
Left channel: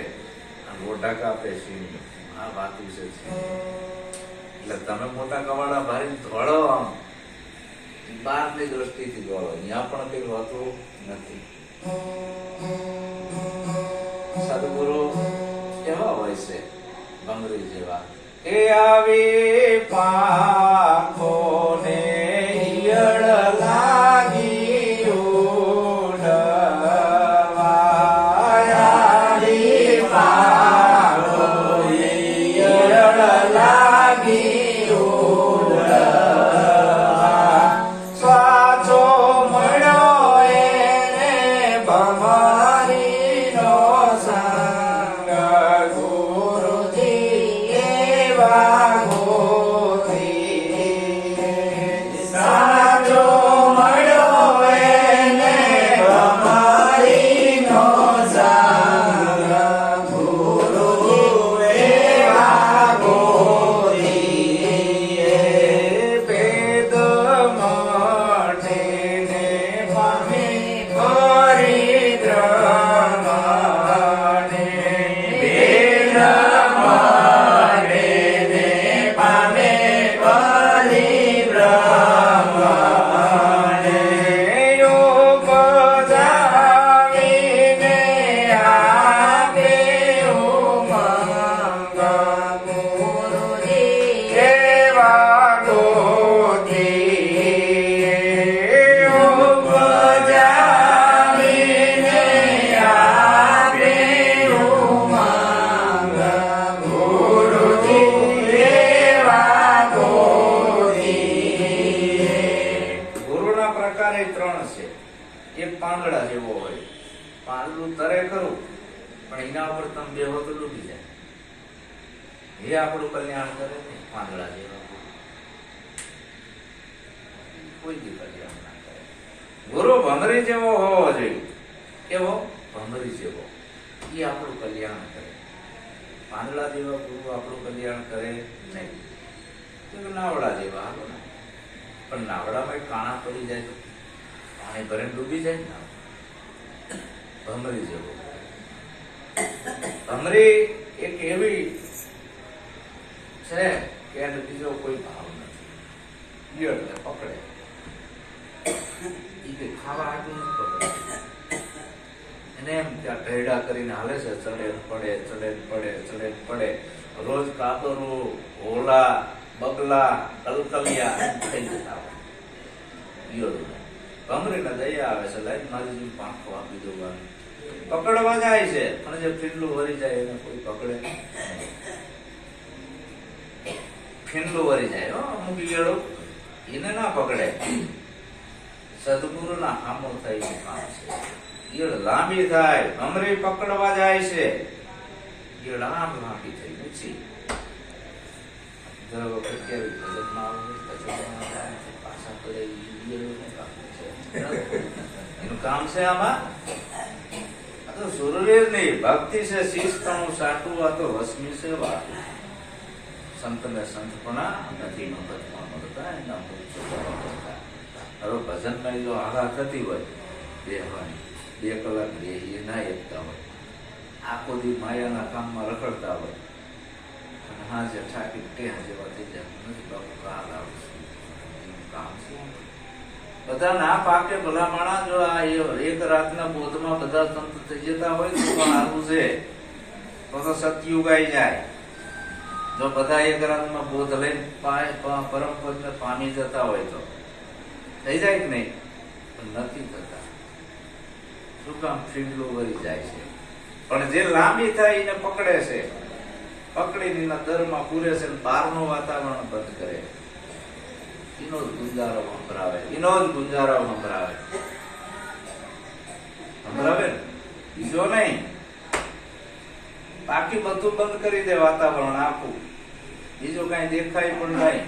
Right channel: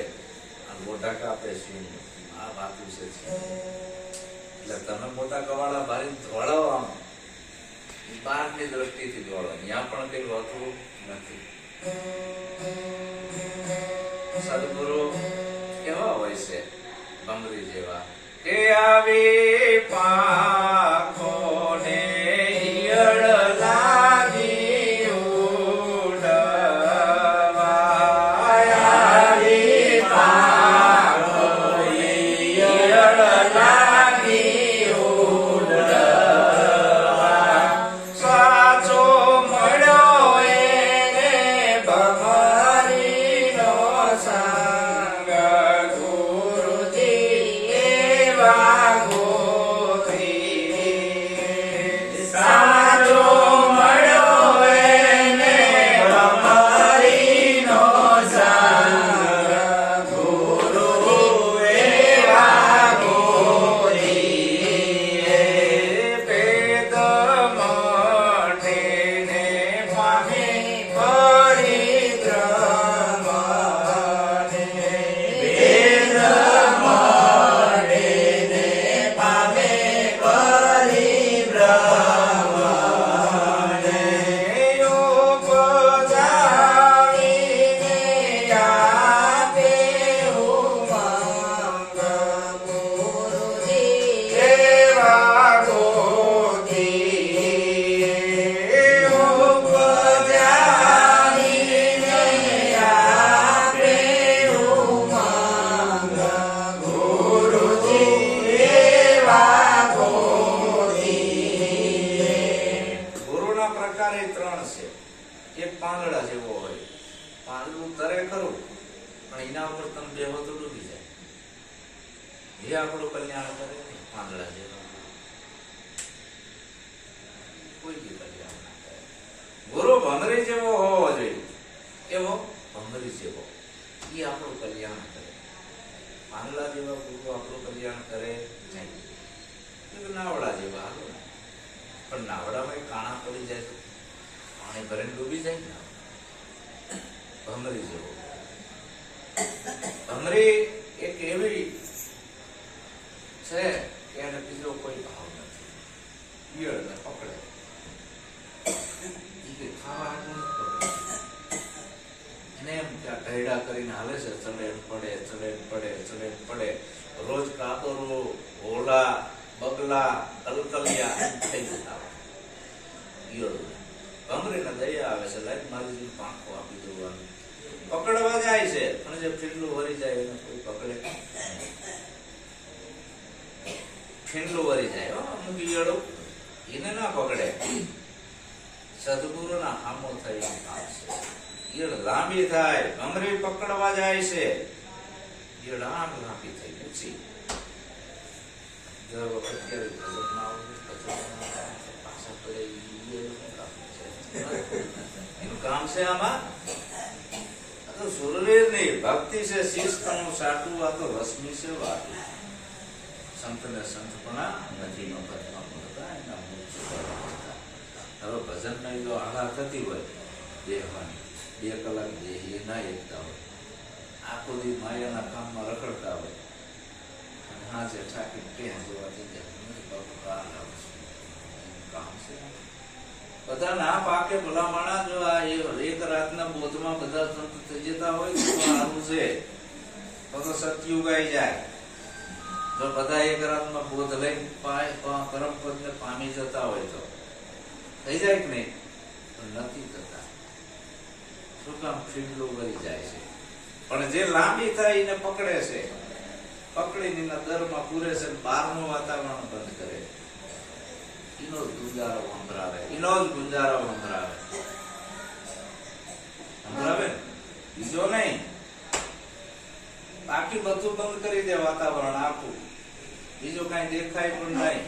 અને મોટા કાપે સિંહ. આ વાત વિશે છે. એટલે તમે મોટા કવાડા ભારી ધોળો આમ બહારની દ્રષ્ટિથી દોડો, ત્યાં પણ કઈ હોતું નથી. સદગુરુ કેવા હોય છે? ભમરી જેવા કે આવી પાંખો ને ઈયળ લાગી ઉડવા, આવી પાંખો ને ઈયળ લાગી ઉડવા, સાચો મળ્યો એને ભમરીનો સંગ, ગુરુજી એવા ગોતી, સાચો મળ્યો એને ભમરીનો સંગ, ગુરુ એવા ગોતી, ભેદ મટીને પામી પરિદ્રમણે, ભેદ મટીને પામે પરિદ્રમણે, યોગ જાણીને આપે ઉમંગ, ગુરુજી એવા ગોતી, યોગ જાણીને આપે ઉમંગ, ગુરુજી એવા ગોતી. ગુરુના પ્રકાર એ ત્રણ છે. એક પાંદડા જેવો હોય, પાંદડું તરે ખરું પણ એના ઉપર તમે બેહો તો ડૂબી જાય. એ આપણું કલ્યાણ કરે નહીં. પાંદડા જેવા કોઈ બી કલ્યાણ ના કરે. ગુરુ ભમરી જેવો હોવો જોઈએ. કેવો? ભમરી જેવો. એ આપણું કલ્યાણ કરે. પાંદડા જેવા ગુરુ આપણું કલ્યાણ કરે નહીં. નાવડા જેવા હાલો ને, પણ નાવડામાં કાણા પડી જાય તો પાણી ભરીને ડૂબી જાય ને. ભમરી જેવો. ભમરી એક એવી છે કે એને બીજો કોઈ ભાવ નથી. ઈયળને પકડે, ઈ કે ખાવા હાટું નથી પકડે. એને એમ ત્યાં ઢેડા કરીને હાલે છે, ચડે ને પડે, ચડે ને પડે, ચડે ને પડે. રોજ કાબરું, હોલા, બગલા, કલકલિયા એમ થઈ જતા હોય ઈયળોને. ભમરીને દયા આવે છે, લાઈન મારી જોઈને પાંખો આપી દેવાનું. પકડવા જાય છે પણ જે ફીંડલું વળી જાય એને કોઈ પકડે નહીં. ફીંડલું વળી જાય અમુક ઈયળો, એને ના પકડે. સદગુરુના હામો થઈને કામ છે. ઈયળ લાંબી થાય, ભમરી પકડવા જાય છે, ઈયળ આમ લાંબી થઈ ઊંચી. દર વખત કેવી ભજનમાં પાછા પડે ઈયળોનું કામ છે. એનું કામ છે આમાં. આ તો સુરવીર ની ભક્તિ છે. શિસ્તનું સાટું આ તો રશ્મિ છે વાતું. સંતને સંતપણા નથી મફતમાં મળતા, એના હવે ભજનમાં જો આઘા થતી હોય બેહવાની, 2 કલાક બેહીએ ના એકતા હોય, આખો દી માયાના કામમાં રખડતા હોય અને હાજે ઠાકી ટેહ જેવા થઈ જાય. નથી બાપુ કાલ આવશું, એનું કામ છે. બધા ના પાકે ભલા માણા. જો આ એક રાતના બોધમાં બધા સંત થઈ જતા હોય તો સારું છે, તો સતયુગ આવી જાય. જો બધા એક રાતમાં બોધ લઈને પરમ પદને પામી જતા હોય તો થઈ જાય કે નહીં? પણ નથી થતા. શું કામ? ફીંડલું વળી જાય છે. પણ જે લાંબી થાય એને પકડે છે, પકડીને એના દરમાં પૂરે છે, બહારનું વાતાવરણ બંધ કરે. એનો જ ગુંજારો સંભળાવે, એનો જ ગુંજારો સંભળાવે. સંભળાવે ને બીજો નહીં. બાકી બધું બંધ કરી દે, વાતાવરણ આખું, બીજું કઈ દેખાય પણ નહીં.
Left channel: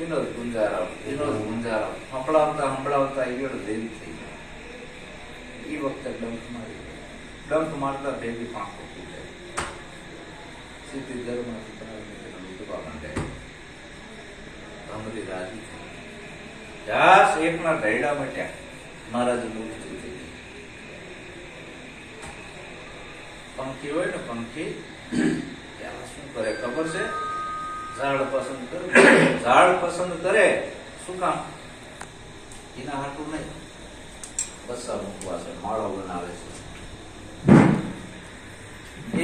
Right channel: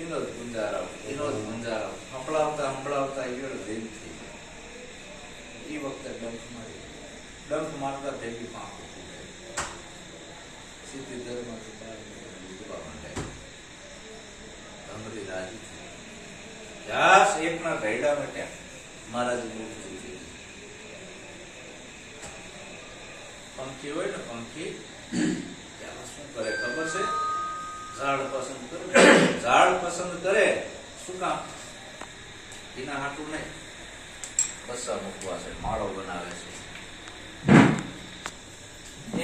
એનો જ ગુંજારો, એનો જ ગુંજારો સંભળાવતા સંભળાવતા ઈયળ દેવી થઈ જાય. એ વખતે ડંખ મારતા ભેગી પાંખો તૂટે, સીધી દરમાંથી ઉતરવા માંડે. ભમરી રાજી થઈ. ઘાસ એકના ઢૈડા મટ્યા. મહારાજ મુક્તિ થઈ. પંખી હોય ને પંખી ત્યાં શું કરે ખબર છે? ઝાડ પસંદ કરે. ઝાડ પસંદ કરે શું કામ? એના હાટું નહીં, બસ્સા મૂકવા છે, માળો બનાવે છે.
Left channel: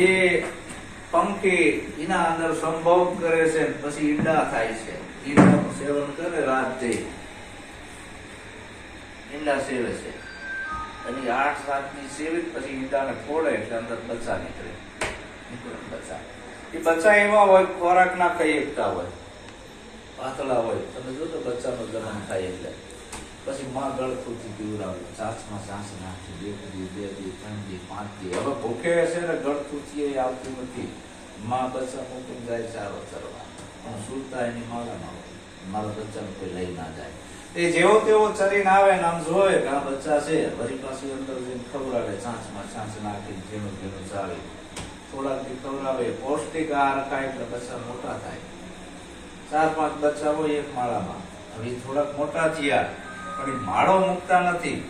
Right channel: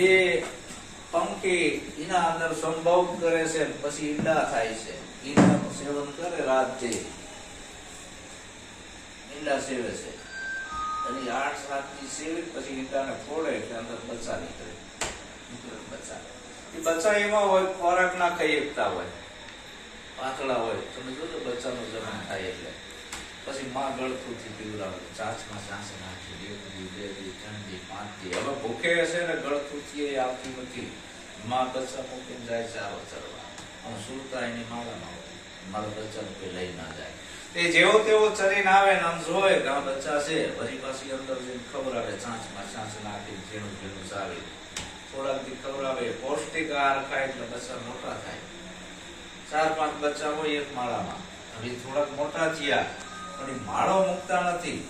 એ પંખી એના અંદર સંભોગ કરે છે, પછી ઈંડા થાય છે. ઈંડાનું સેવન કરે રાત દી, ઈંડા સેવે છે. અને 8 રાતની સેવી પછી ઈંડાને ફોડે એટલે અંદર બચ્ચા નીકળે. બચ્ચા એ બચ્ચા એવા હોય ખોરાક ના ખાઈ શકતા હોય, પાતળા હોય. તમે જોજો બચ્ચાનો જન્મ થાય એટલે પછી માં ગળથુથી પીવડાવે, ચાંચમાં ચાંચ નાખી 1 દી 2 દી 3 દી 5 દી. હવે ભૂખે હશે ને ગળથુથી એ આવતી નથી. માં બચ્ચા મૂકીને જાય ચારો ચરવા, હું સુરતા એની માળામાં હોય, મારા બચ્ચાને કોઈ લઈ ના જાય. એ જેવો તેવો ચરીને આવે ને આમ જોવે કે આ બચ્ચા છે, વળી પાછી અંદર જઈને ખવડાવે, ચાંચમાં ચાંચ નાખીને ઝીણું ઝીણું ચાવી થોડાક દી ખવડાવે. પૌષ્ટિક આહાર ખાય એટલે બચ્ચા મોટા થાય. 4-5 બચ્ચા હોય એક માળામાં. હવે થોડાક મોટા થયા પણ એ માળો મૂકતા નથી,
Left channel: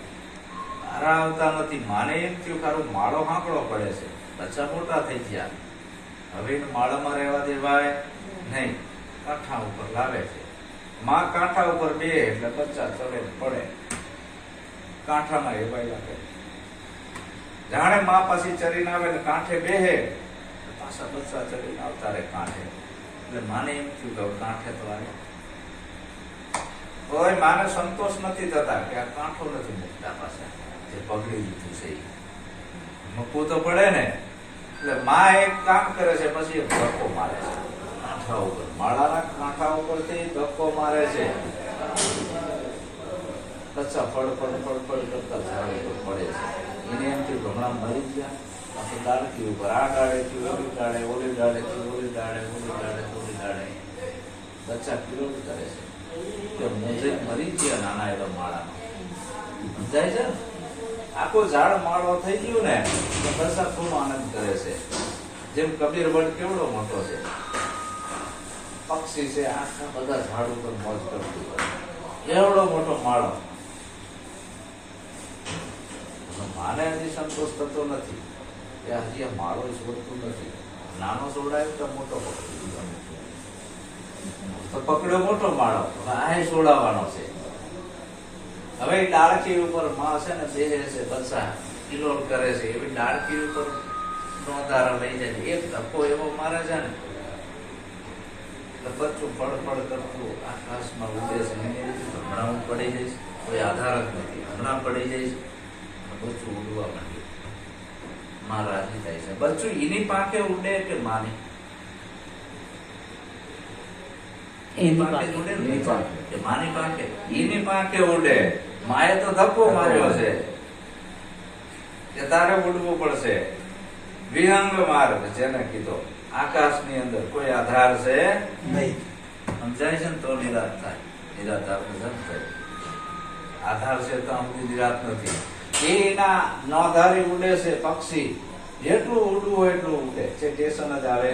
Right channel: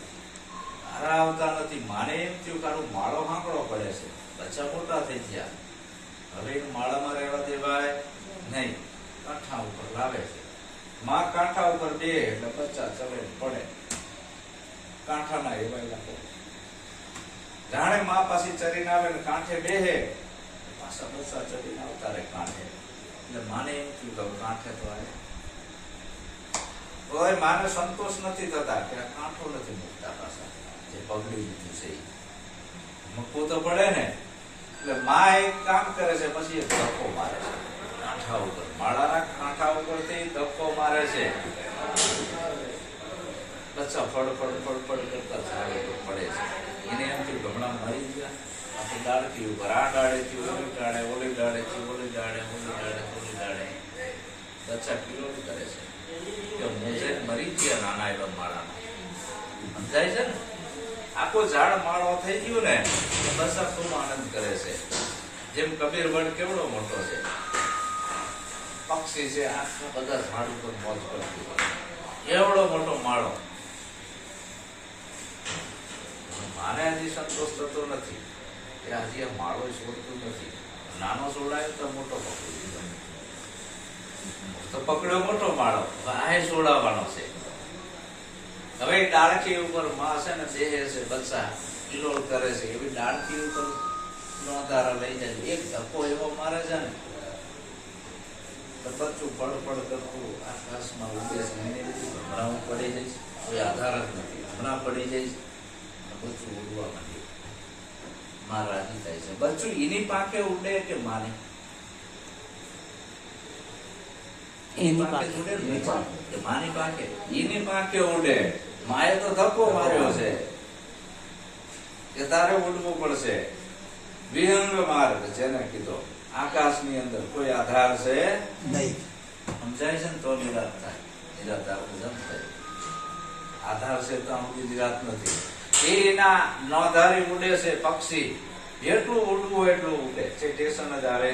મારા આવતા નથી. માને એમ થયું ખારું માળો હાંકડો પડે છે, બચ્ચા મોટા થઈ ગયા. હવે માળામાં રહેવા દેવાય નહીં, કાંઠા ઉપર લાવે છે. માં કાંઠા ઉપર બે એટલે બચ્ચા ચડે પડે, કાંઠામાં એવાય લાગે. જાણે માં પાછી ચરીને આવે ને કાંઠે બેહે, પાછા બચ્ચા ચડીને આવતા રહે કાંઠે. એટલે માને એમ થયું કે કાંઠે તો આવ્યા. કોઈ માને સંતોષ નથી થતા કે આ કાંઠો નથી મૂકતા, પાછા જે પગડી લીધું છે મૂકવું તો પડે ને. એટલે માં એક કામ કરે છે, પછી એક ધક્કો મારે છે કાંઠા ઉપર, માળાના કાંઠા ઉપરથી ધક્કો મારે છે. બચ્ચા ફળ કરતા ઝાડ ઉપર પડે છે. એને એમ થયું હમણાં મરી ગયા. પછી ડાળકી ઉપર, આ ડાળેથી ઓલી ડાળે, ઓલી ડાળેથી ઓલી ડાળે, ઓલી ડાળે ઓલી ડાળે બચ્ચા કિલોડ કરે છે. મરી ગયા નાના એવા માળામાં. સમજાય છે? આખો ઝાડ માળો થઈ ગયો ને તો બચ્ચા ખૂબ આનંદ કરે છે. જેમ કબીર વડ કેવડો મોટો છે, પક્ષી છે, આખા બધા ઝાડ ઉપર મોજ કરતું હોય, એવડો મોટો માળો. માને હજી સંતોષ થતો નથી કે હજી આ માળો છોડતું નથી. નાનો છોડાય તો મોટો પકડ્યો મોટો માળો, આ છોડાવવાનો છે. હવે ડાળખી ઉપર માં છે ને દેહે છે, બચ્ચા કિલોલ કરે છે. એવી ડાળખી ઉપર નો ધારા લઈ જાય. એક ધક્કો એવો મારે છે ને બચ્ચું ફળ કરતું આકાશમાં ઉડે છે. હમણાં હું પડી જઈશ, કોઈ આધાર જ નથી. હમણાં પડી જઈશ, બચ્ચું ઉડવા માંડ્યું. માં રાજી થાય છે. બચ્ચું એની પાંખે ઉડે કે માની? માની પાંખે, એની પાંખે ઉડે. માએ તો ધક્કો માર્યો છે કે તારે ઉડવું પડશે. વિહંગ માર્ગ જેને કીધો, આકાશની અંદર કોઈ આધાર છે નહીં. સમજાય છે ને તો નિરાત થાય. નિરાત આપણે જમ થાય. આધાર છે તો આમ નિરાત નથી. એના નોધારી ઉડે છે પક્ષી, જેટલું ઉડવું હોય એટલું ઉડે છે, સ્ટેશન જ આવે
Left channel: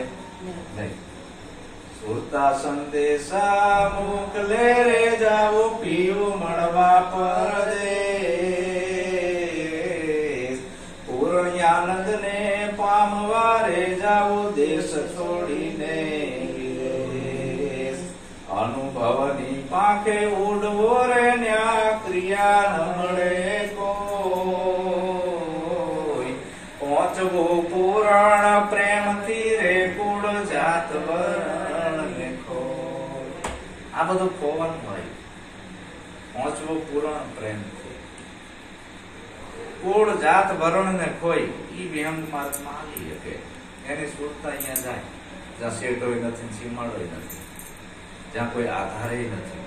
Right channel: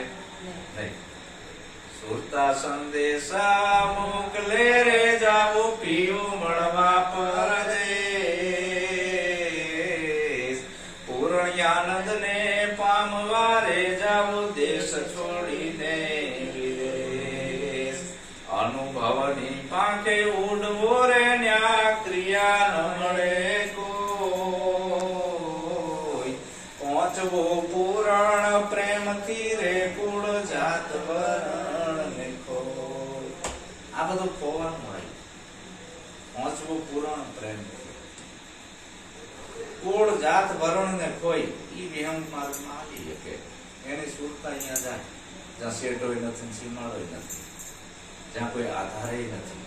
નહીં. સુરતા સંદેશા મોકલે રે જાવો પીયું મળવા પરદેશ. પૂર્ણ આનંદ ને પામવા રે જાવો દેશ છોડીને વિદેશ. અનુભવની પાંખે ઉડવો રે ન્યા ક્રિયા ન મળે કોઈ. પહોંચવું પુરાણ પ્રેમથી રે કુળ જાત આ બધું ખોવાનું હોય. પહોંચવું પુરાણ પ્રેમથી કુળ જાત વરણ ને કોઈ ઈ વિહંગ માર્ગમાં આવી શકે. એની સુરતા અહીંયા જાય જ્યાં શેઠોય નથી, સીમાડોય નથી, જ્યાં કોઈ આધારે નથી.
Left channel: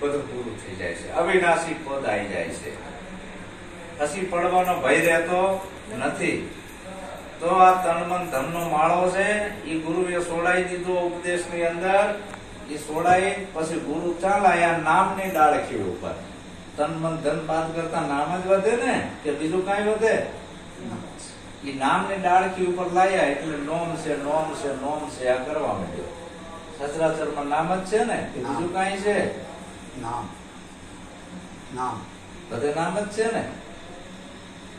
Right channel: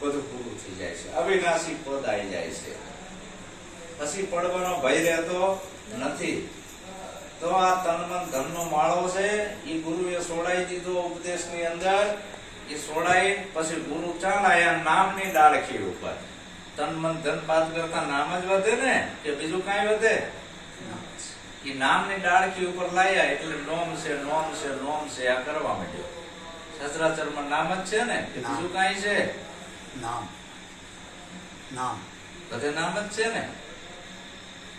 બધું પૂરું થઈ જાય છે. અવિનાશી પદ આવી જાય છે. પછી પડવાનો ભય રહેતો નથી. તો આ તન મન ધન નો માળો છે, એ ગુરુએ સોડાઈ દીધો ઉપદેશ ની અંદર. એ સોડાઈ પછી ગુરુ ચાલાયા નામની ડાળખી ઉપર. તન મન ધન બાદ કરતા નામ જ વધે ને, કે બીજું કઈ વધે? એ નામની ડાળખી ઉપર લાયા એટલે નોમ છે, નોમ છે, નોમ છે આ કરવા માંડ્યો. સચરાચરમાં નામ જ છે ને, કે બીજું કઈ છે? નામ નામ બધે નામ જ છે ને.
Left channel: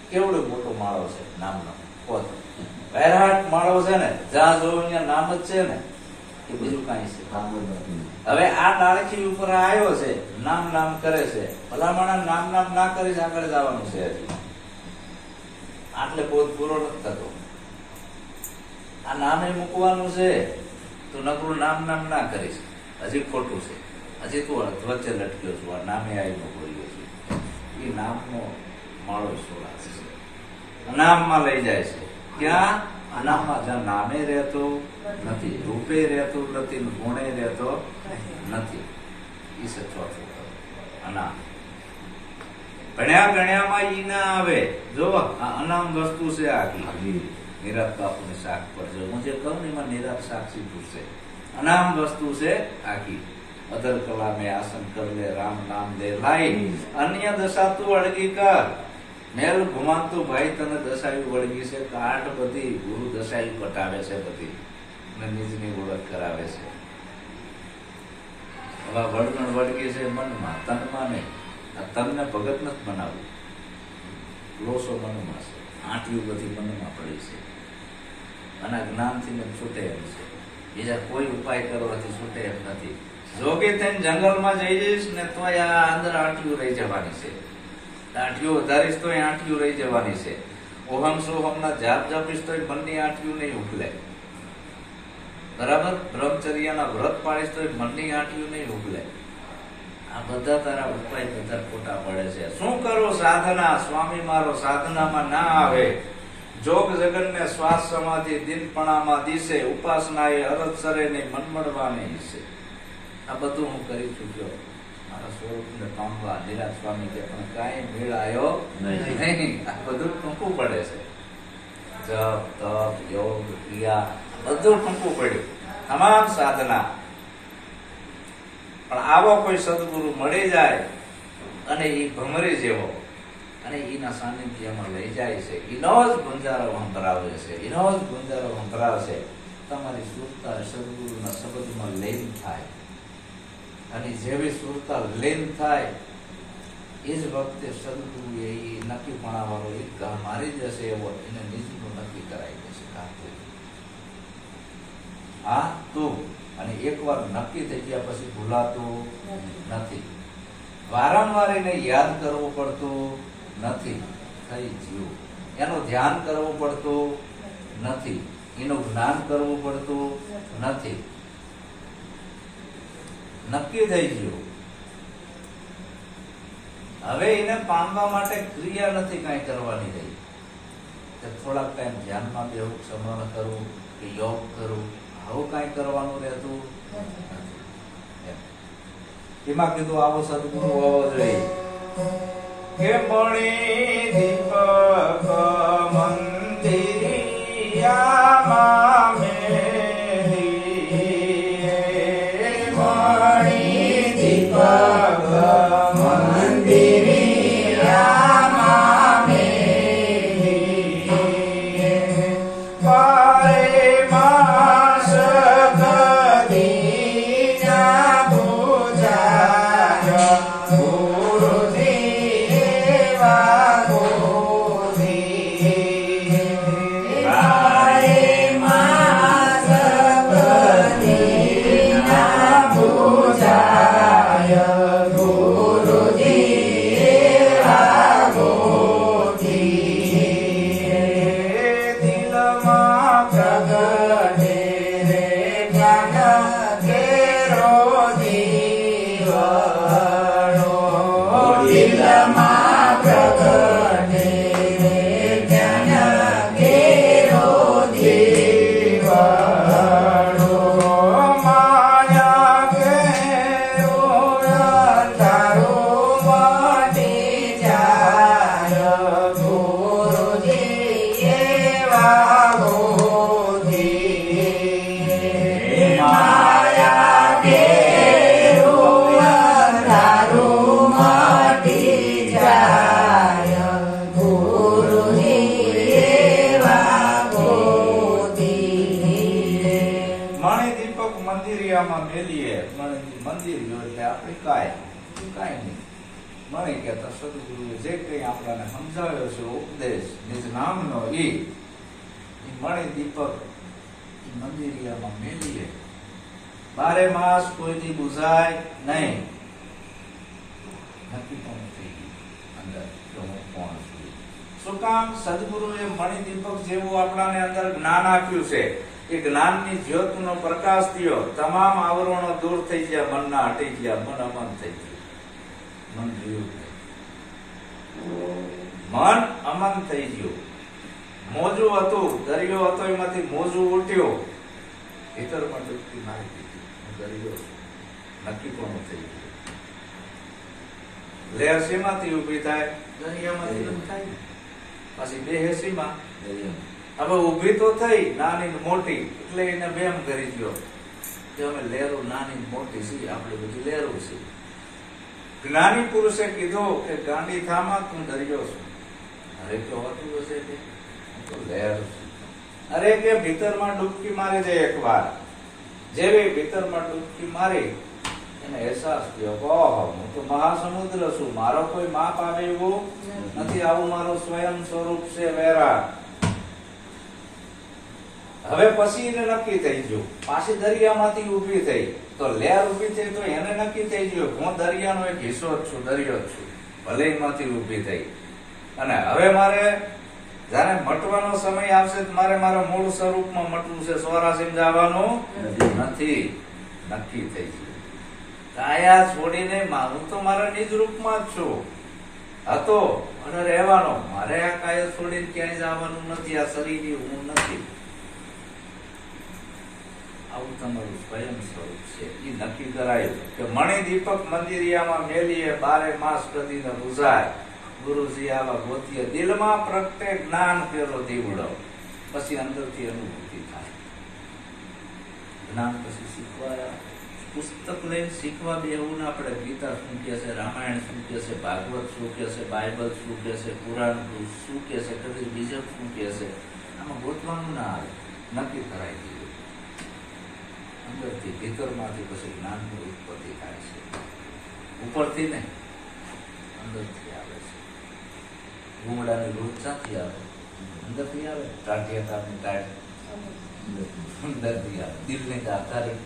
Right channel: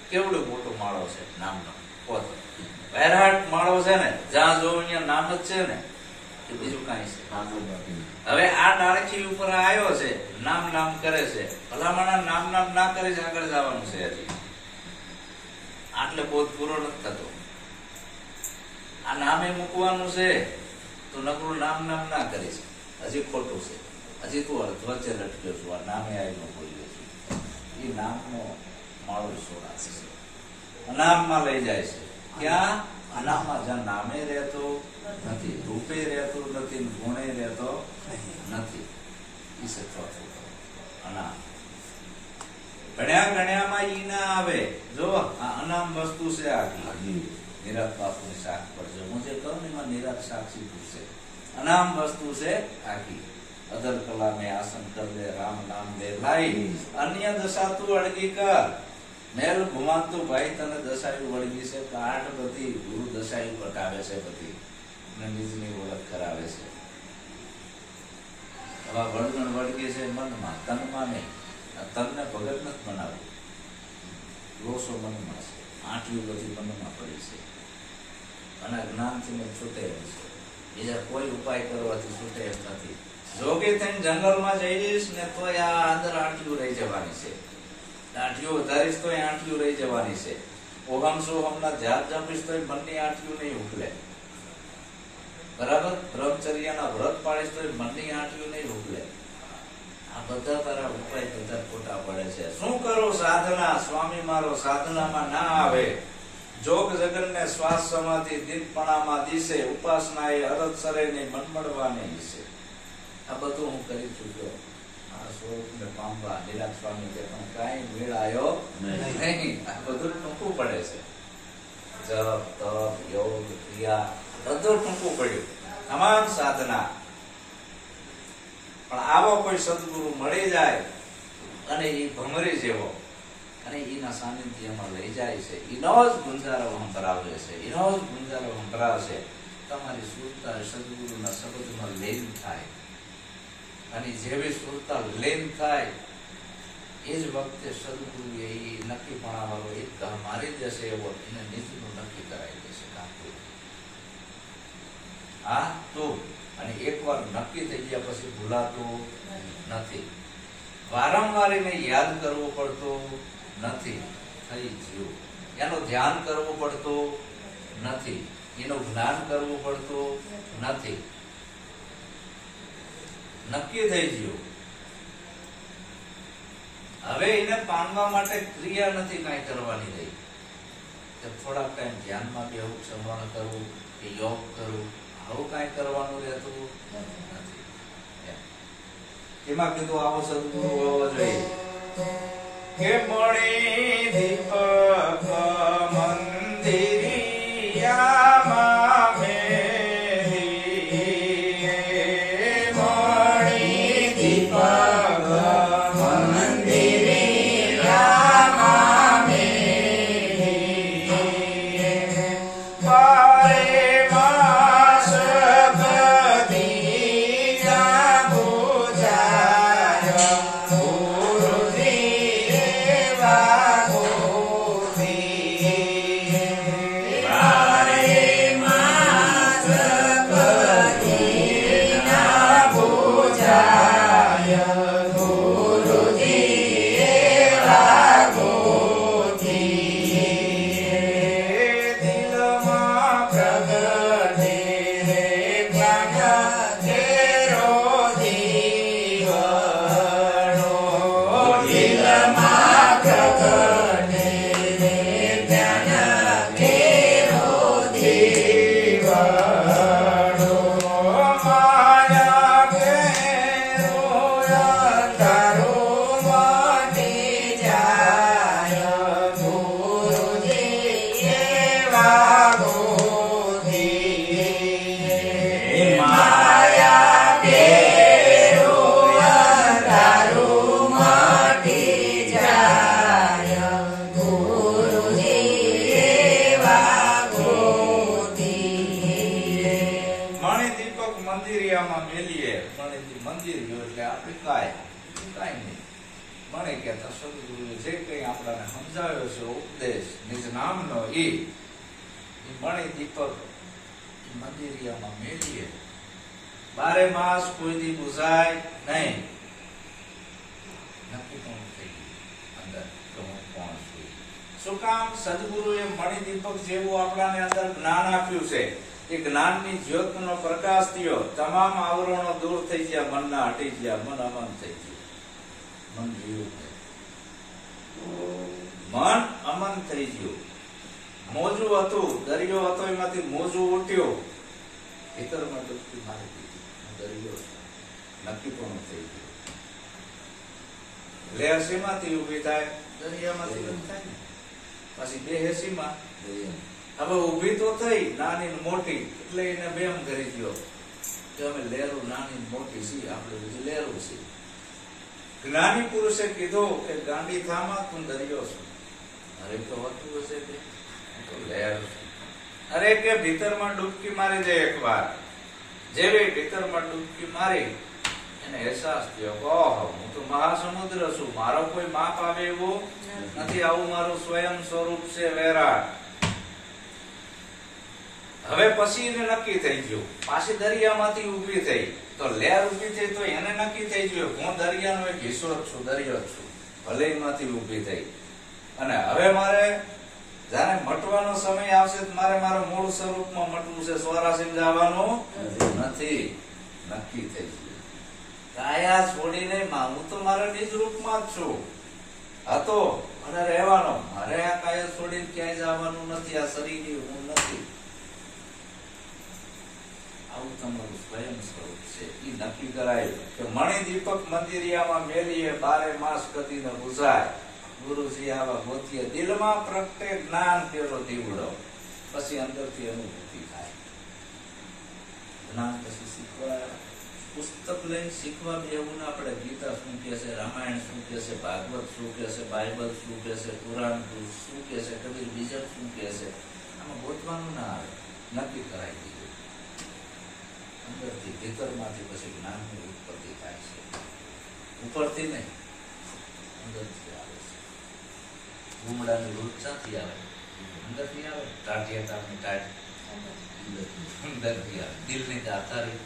કેવડો મોટો માળો છે નામનો. વૈરાટ માળો છે ને, જ્યાં જોવું ત્યાં નામ જ છે ને, કે બીજું કાંઈ છે? હવે આ ડાળખી ઉપર આવ્યો છે, નામ નામ કરે છે. ભલામણા નામ નામ ના કરે છે, આગળ જવાનું છે. હજી આટલે બોધ પૂરો નથી થતો. આ નામે મૂકવાનું છે તો નકરું નામ નામ ના કરીશ, હજી ખોટું છે. હજી તું વચ્ચે લટક્યો છું. આ નામે આવીને બોલ્યો છું. એ નામનો માળો છોડાશે છે, અનામમાં લઈ જાય છે. ક્યાં? અનામમાં, જ્યાં નામે રહેતો નથી, રૂપે રહેતો નથી, ગુણે રહેતો નથી. ઈ છે ચોથું અનામ. ભણ્યા ગણ્યામાં ઈ ના આવે. જો આ અનામ વસ્તુ છે આખી. નિરાત બાપુની શાક પર જો હું જે કહું ને એમાં નિરાત સાક્ષી પૂછશે. અનામ વસ્તુ છે આખી. અદર કલા મેં આસન કર લે, રામ નામ દે લાઈ, અન્ય દશા તું અળગી કર. મેલ ઘુમાતું ભાઈ તને દશાયું વળગી છે. કાઠ બધી ગુરુ દશાયું પટાવે છે બધી, ને નીચની ઓળખ કરાવે છે. હવે વળગણ વળગી છે મનમાં, તનમાં નહીં. તનને ભગત નથી બનાવવું. લોસો મનમાં છે, આંટીઓ બધી મનમાં પડી છે. અને જ્ઞાનથી છૂટે એમ છે. બીજા કોઈ ઉપાય કરવાથી છૂટે એમ નથી. જોગે થઈને જંગલમાં જઈ જઈશ ને તો આ અંદર આંટીઓ રહી જવાની છે. આંટીઓ વધારીશ તો આંટીઓ રહી જવાની છે. ઓહમ સોહમ ના જાપ જાપીશ તો મનની આંટીઓ નહીં ઉકલે. બરાબર? બ્રહ્મચર્યના વ્રત પાડીશ તો મનની આંટીઓ નહીં ઉકલે. આ બધા તારા ઉપાય બધા ખોટા પડે છે. શું કરો સાધના? સ્વામી મારો સાધનામાં ના આવે. જોગ જગન ને શ્વાસ સમાધિ દિનપણામાં દિશે, ઉપાસના એ અરજ સરે નહીં, મનમડવાની દિશે. આ બધું હું કરી ચૂક્યો. મારા સ્વરૂપને પામવા નિરાત સ્વામી કે પણ કાંઈ મેળ આવ્યો નહીં. આ બધું ટૂંકું પડે છે. જપ તપ યોગ ક્રિયા બધું ટૂંકું પડ્યું. તમામ સાધના. પણ આવો કોઈ સદગુરુ મળી જાય અને એ ભમરી જેવો, અને એના સાનિધ્યમાં લઈ જાય છે. એનો જ ગુંજારો સંભળાવે છે, એનો જ ગુંજારો સંભળાવશે. તમારી સુરતા સદગુરુના શબ્દમાં લીન થાય. અને જેવી સુરતા લીન થાય એ જ વખતે સદગુરુ એ નક્કીપણા વાળો એક ઘા મારી જશે એવો એને નીચનું નક્કી કરાવી દેશે. હા તું. અને એકવાર નક્કી થઈ ગયા પછી ભૂલાતું નથી. વારંવાર એને યાદ કરવું પડતું નથી. થઈ જીવ. એનું ધ્યાન કરવું પડતું નથી. એનું જ્ઞાન કરવું પડતું નથી. નક્કી થઈ ગયું. હવે એને પામવા માટે ક્રિયા નથી કાંઈ કરવાની રહી. થોડાક ટાઈમ ધ્યાનમાં બેહવું, સ્મરણ કરવું કે યોગ કરવું, આવું કાંઈ કરવાનું રહેતું નથી. એમાં કીધું આવો સદગુરુ હોવો જોઈએ. કે મણી દીપક મંદિરિયામાં જાય બીજું કાંઈ નહીં. મણી કહેતા સદગુરુએ જે કંઈ આપણાને સમજાવ્યો છે ઉપદેશ નિજ નામનો ઈ મણી દીપક મંદિરિયામાં મેલીએ 12 માસ કોઈથી બુઝાય નહીં. નક્કી પણ થઈ ગયું અંદર કે હું કોણ છું. શું કામ? સદગુરુએ મણી દીપક જેવું આપણાને અંદર જ્ઞાન આપ્યું છે. એ જ્ઞાનની જ્યોતનો પ્રકાશ થયો, તમામ આવરણો દૂર થઈ ગયા, મનના હટી ગયા, મન અમન થઈ ગયું, મન જીવ મન અમન થઈ ગયું. મોજું હતું, દરિયો હતો, એમાંથી મોજું ઉઠ્યું, ભીતરમાં ડૂબકી મારી દીધી, દરિયો નક્કી પણ થઈ ગયું. લહેર સીમાથી ઉભી થાય, દરિયામાંથી બંધ થાય. પાછી બે હેસીમાં હવે ઉભી તો થઈ નાની ને મોટી, એટલે એને બેમ કરી ગયો કે અમે લહેરો નાની મોટી છીએ, આપણે બધી લહેરો છીએ. જ્ઞાની પુરુષે કીધું કે ગાંડી થામાં તું દરિયો છું. અરે તો હોતું હશે કે તો લહેર છું. અરે કે ભીતરમાં ડૂબકી મારી દે એકવાર. જેવી ભીતરમાં ડૂબકી મારી એને અહેસાસ થયો, ઓહો હું તો મહાસમુદ્ર છું, મારો કોઈ માપ આવે એવું નથી, આવું મારું સ્વયં સ્વરૂપ છે વેરા. હવે પછી એને નક્કી થઈ ગયું, પાછી દરિયામાંથી ઉભી થઈ તો લહેર ઉભી થઈ તો એને નક્કી થઈ ગયું હું દરિયાનો એક હિસ્સો જ છું, દરિયો જ છું. ભલે એમાંથી ઉભી થઈ અને હવે મારે જયારે મટવાનો સમય આવશે મારે મારા મૂળ સ્વરૂપમાં મટવું છે, 84 જવાનું નથી. નક્કી થઈ ગયું કાયા છોડીને હું તો મારા નિજ રૂપમાં જ છું હતો અને રહેવાનો. મારે આ કાયા છોડીને ક્યાંય જવાનું નથી, આ શરીર હું નથી. આવું તમારું સ્વયં સ્વરૂપ છે. એ નક્કી કરાયું કે મણી દીપક મંદિરિયામાં મેલીએ 12 માસ કદીને બુઝાય. ગુરુજી આવા ગોતીએ દિલમાં પ્રગટે જ્ઞાન પેલો દીવડો. પછી અંદરથી અનુભૂતિ થાય. જ્ઞાન પછી શીખવા પુસ્તક લઈને શીખવા બી એવું ના પડે. ગીતા શું કે છે, રામાયણ શું કે છે, ભાગવત શું કે છે, બાઇબલ શું કે છે, પુરાણ શું કે છે, કબીર બીજક શું કે છે, આમાં ગોતવાનું ના આવે. નક્કી કરાઈ દીધું. અંદરથી ભીતરમાંથી પછી જ્ઞાનની ઉત્પત્તિ થાય છે. ઉપરથી નહીં, અંદરથી આવે છે. ગુમડાની દૂધ ક્યાંથી આવે? અંદરથી આવે. ટાઢિયાતાની ટાઢ અંદરથી આવે. દિલની આધારી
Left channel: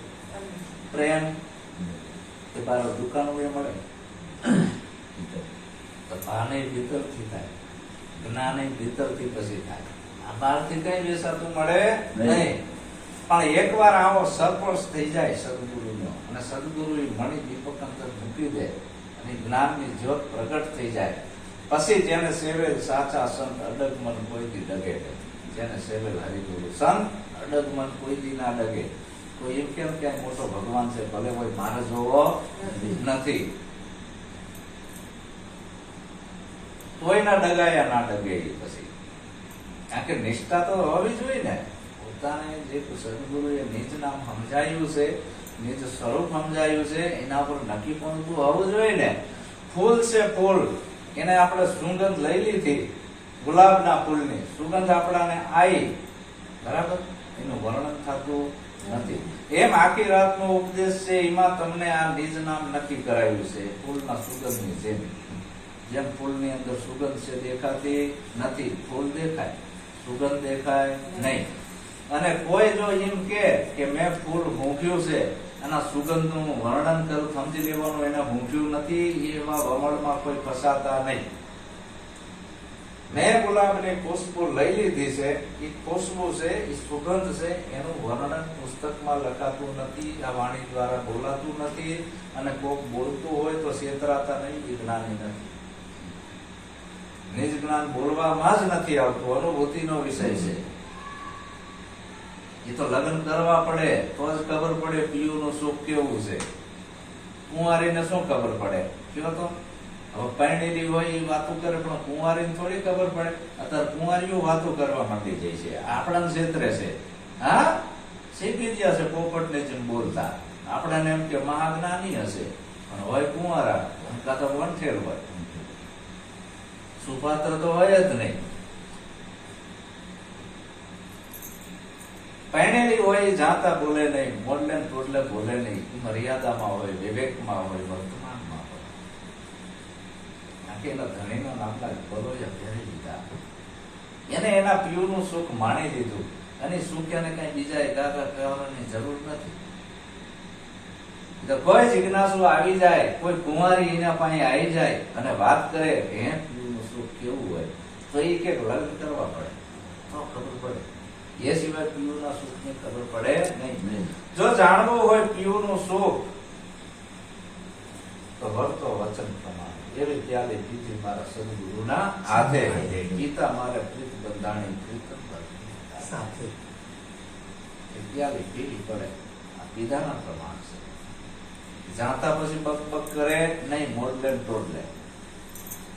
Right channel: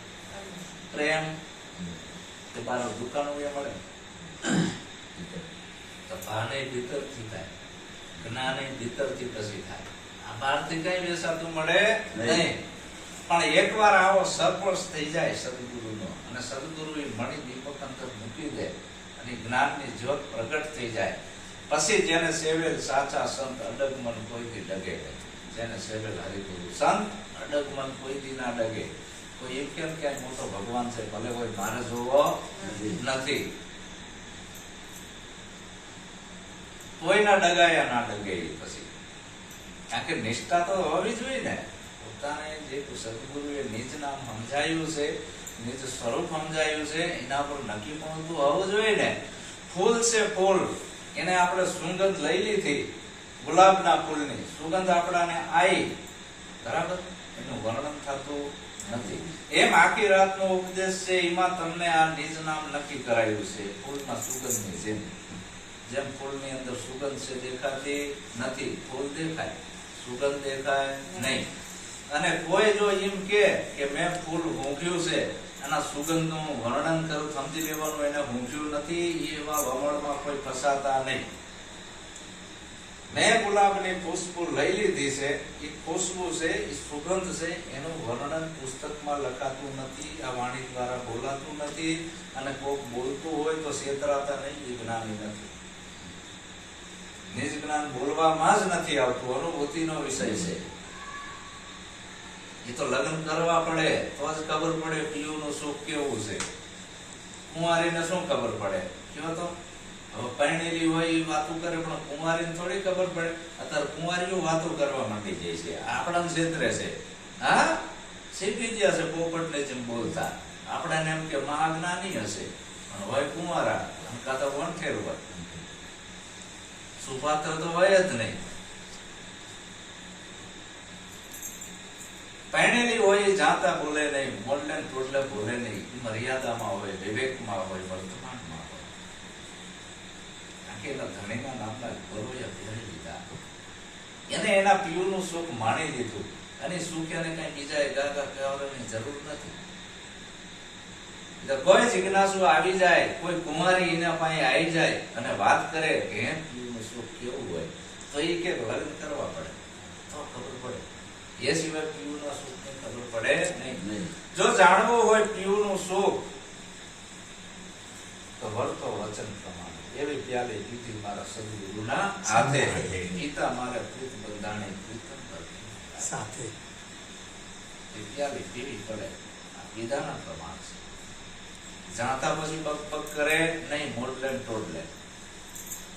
પ્રેમ કે બાર દુકાનો એ મળે તો ભાને ભીતરથી થાય, જ્ઞાને ભીતરથી પછી થાય. આ બહારથી કઈ વેસાતું મળે નહીં. પણ એકવાર આવો સરપંચ થઈ જાય સદગુરુનો અને સદગુરુ મણી દીપક અંદર મૂકી દે અને જ્ઞાનની જ્યોત પ્રગટ થઈ જાય પછી જેને સેવેલ સાચા સંત અડગમન કોઈથી ડગે નહીં. જેને સેવેલ હરિગુરુ સંત અડગમન કોઈથી ના ડગે. કોઈ એમ કેમ ક્યાંય મોટો ભગવાન છે, ભલે કોઈ મારે જોવો નથી, કોઈના ડગાયા ના ડગે. પછી કારણ કે નિષ્ઠા તો હોવી જોઈએ ને. પોતાને જે સદગુરુએ નિજ નામ સમજાયું છે, નિજ સ્વરૂપ સમજાયું છે, એના પર નક્કી પણ હોવું જોઈએ ને. ફૂલ છે ફૂલ, એને આપણે સુગંધ લઈ લીધી, ગુલાબના ફૂલની સુગંધ આપણાને આવી, બરાબર, એનું વર્ણન થતું નથી. એમ આખી રાતનો ઉપદેશ છે, એમાં તમને આ નિજ નામ નક્કી કરાયું છે ફૂલના સુગંધની જેમ. જેમ ફૂલની અંદર સુગંધ છે દેખાતી નથી, ફૂલ દેખાય, સુગંધ દેખાય નહીં. અને કોઈ જો એમ કે મેં ફૂલ મૂક્યું છે, એના સુગંધનું વર્ણન કરું, સમજી લેવાનું એને મૂક્યું નથી. એવા વમળમાં કોઈ ફસાતા નહીં. મેં ગુલાબની ખુશ્બુ લઈ લીધી છે, એ ખુશ્બુ છે, એ સુગંધ છે, એનું વર્ણન પુસ્તકમાં લખાતું નથી, આ વાણી દ્વારા બોલાતું નથી. અને કોઈક બોલતું હોય તો છેતરાતા નહીં, એ જ્ઞાની નથી. નિજ જ્ઞાન બોલવામાં જ નથી આવતું, અનુભૂતિનો વિષય છે. એ તો લગ્ન કરવા પડે તો જ ખબર પડે પીયુનું સુખ કેવું છે. કુંવારીને શું ખબર પડે? કયો તો હવે પરણેલી હોય એ વાતો કરે, પણ કુંવારીને થોડી ખબર પડે. અત્યારે કુંવારીઓ વાતો કરવા માંડી જાય છે, આપણા ક્ષેત્રે છે. હા, શીખી ગયા છે પોપટ ને જેમ બોલતા. આપણાને એમ કે મહાજ્ઞાની હશે, પણ હોય કુંવારા, કાં તો વંઠેર હોય, સુપાત્ર તો હોય જ નહીં. પહેણેલી હોય જાતા બોલે નહીં, મોડલે ટોડલે બોલે નહીં, મર્યાદામાં હોય, વિવેકમાં હોય, વર્તમાનમાં હોય. નાખેલા ધણીના નામના બરોયા પહેરી લીધા. એને એના પીવું સુખ માણી લીધું અને સુખ એને કઈ બીજા એકાદા કહેવાની જરૂર નથી. કોઈ જિજ્ઞાસુ આવી જાય, કોઈ કુંવારી એના પાસે આવી જાય અને વાત કરે કે હે પીવું સુખ કેવું હોય, તો એ કે લગ્ન કરવા પડે તો ખબર પડે. એ સિવાય પીવું સુખ ની ખબર પડે નહીં. જો જાણવું હોય પીવું સુખ તો વર્તો વચન પ્રમાણે એવી પ્યાલે પીધી મારા સદગુરુના હાથે, ગીતા મારે પ્રીત બંધાણી પ્રીતમ સાથે પ્યાલે પીવી પડે. આ પીધાના પ્રમાણ છે. જાણતા પછી બક બક કરે નહીં, મોડલે ટોડલે.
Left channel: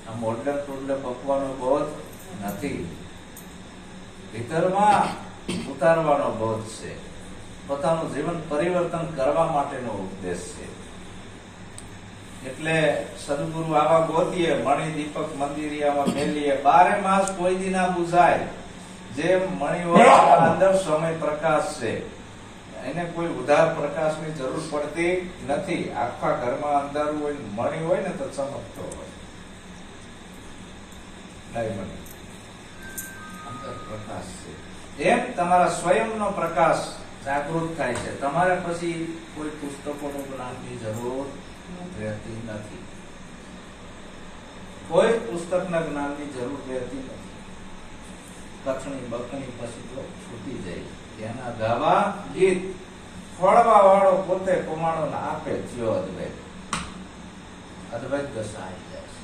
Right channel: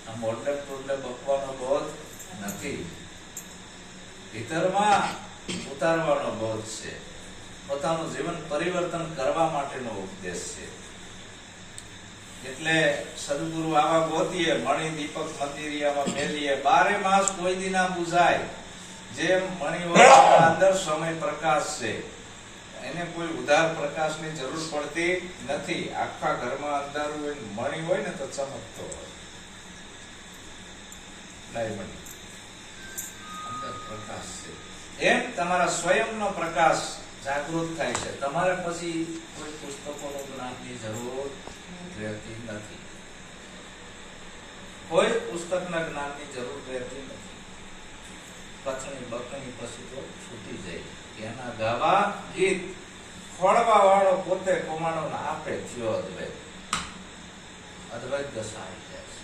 આ મોડલે ટોડલે બકવાનો બોધ નથી, ભીતરમાં ઉતારવાનો બોધ છે. પોતાનું જીવન પરિવર્તન કરવા માટેનો ઉપદેશ છે. એટલે સદગુરુ આવા ગોતીએ, મણિ દીપક મંદિરિયામાં મેલીએ, 12 માસ કોઈ દી ના બુઝાય. જેમ મણિ હોય અંદર સમય પ્રકાશ છે, એને કોઈ ઉધાર પ્રકાશની જરૂર પડતી નથી. આખા ઘરમાં અંધારું હોય, મણિ હોય ને તો ચમકતો હોય. ડાયમંડ અંદર પ્રકાશ છે. એમ તમારા સ્વયંનો પ્રકાશ જાગૃત થાય છે. તમારે પછી કોઈ પુસ્તકોનું જ્ઞાનની જરૂર રહેતી નથી. કોઈ પુસ્તકના જ્ઞાનની જરૂર રહેતી નથી. કથણી બકણી પછી તો છૂટી જાય. એના ગાવા ગીત ખોળવા વાળો પોતે કમાણો આપે થયો અદ્વૈત. અદ્વૈત દશા આવી જાય છે.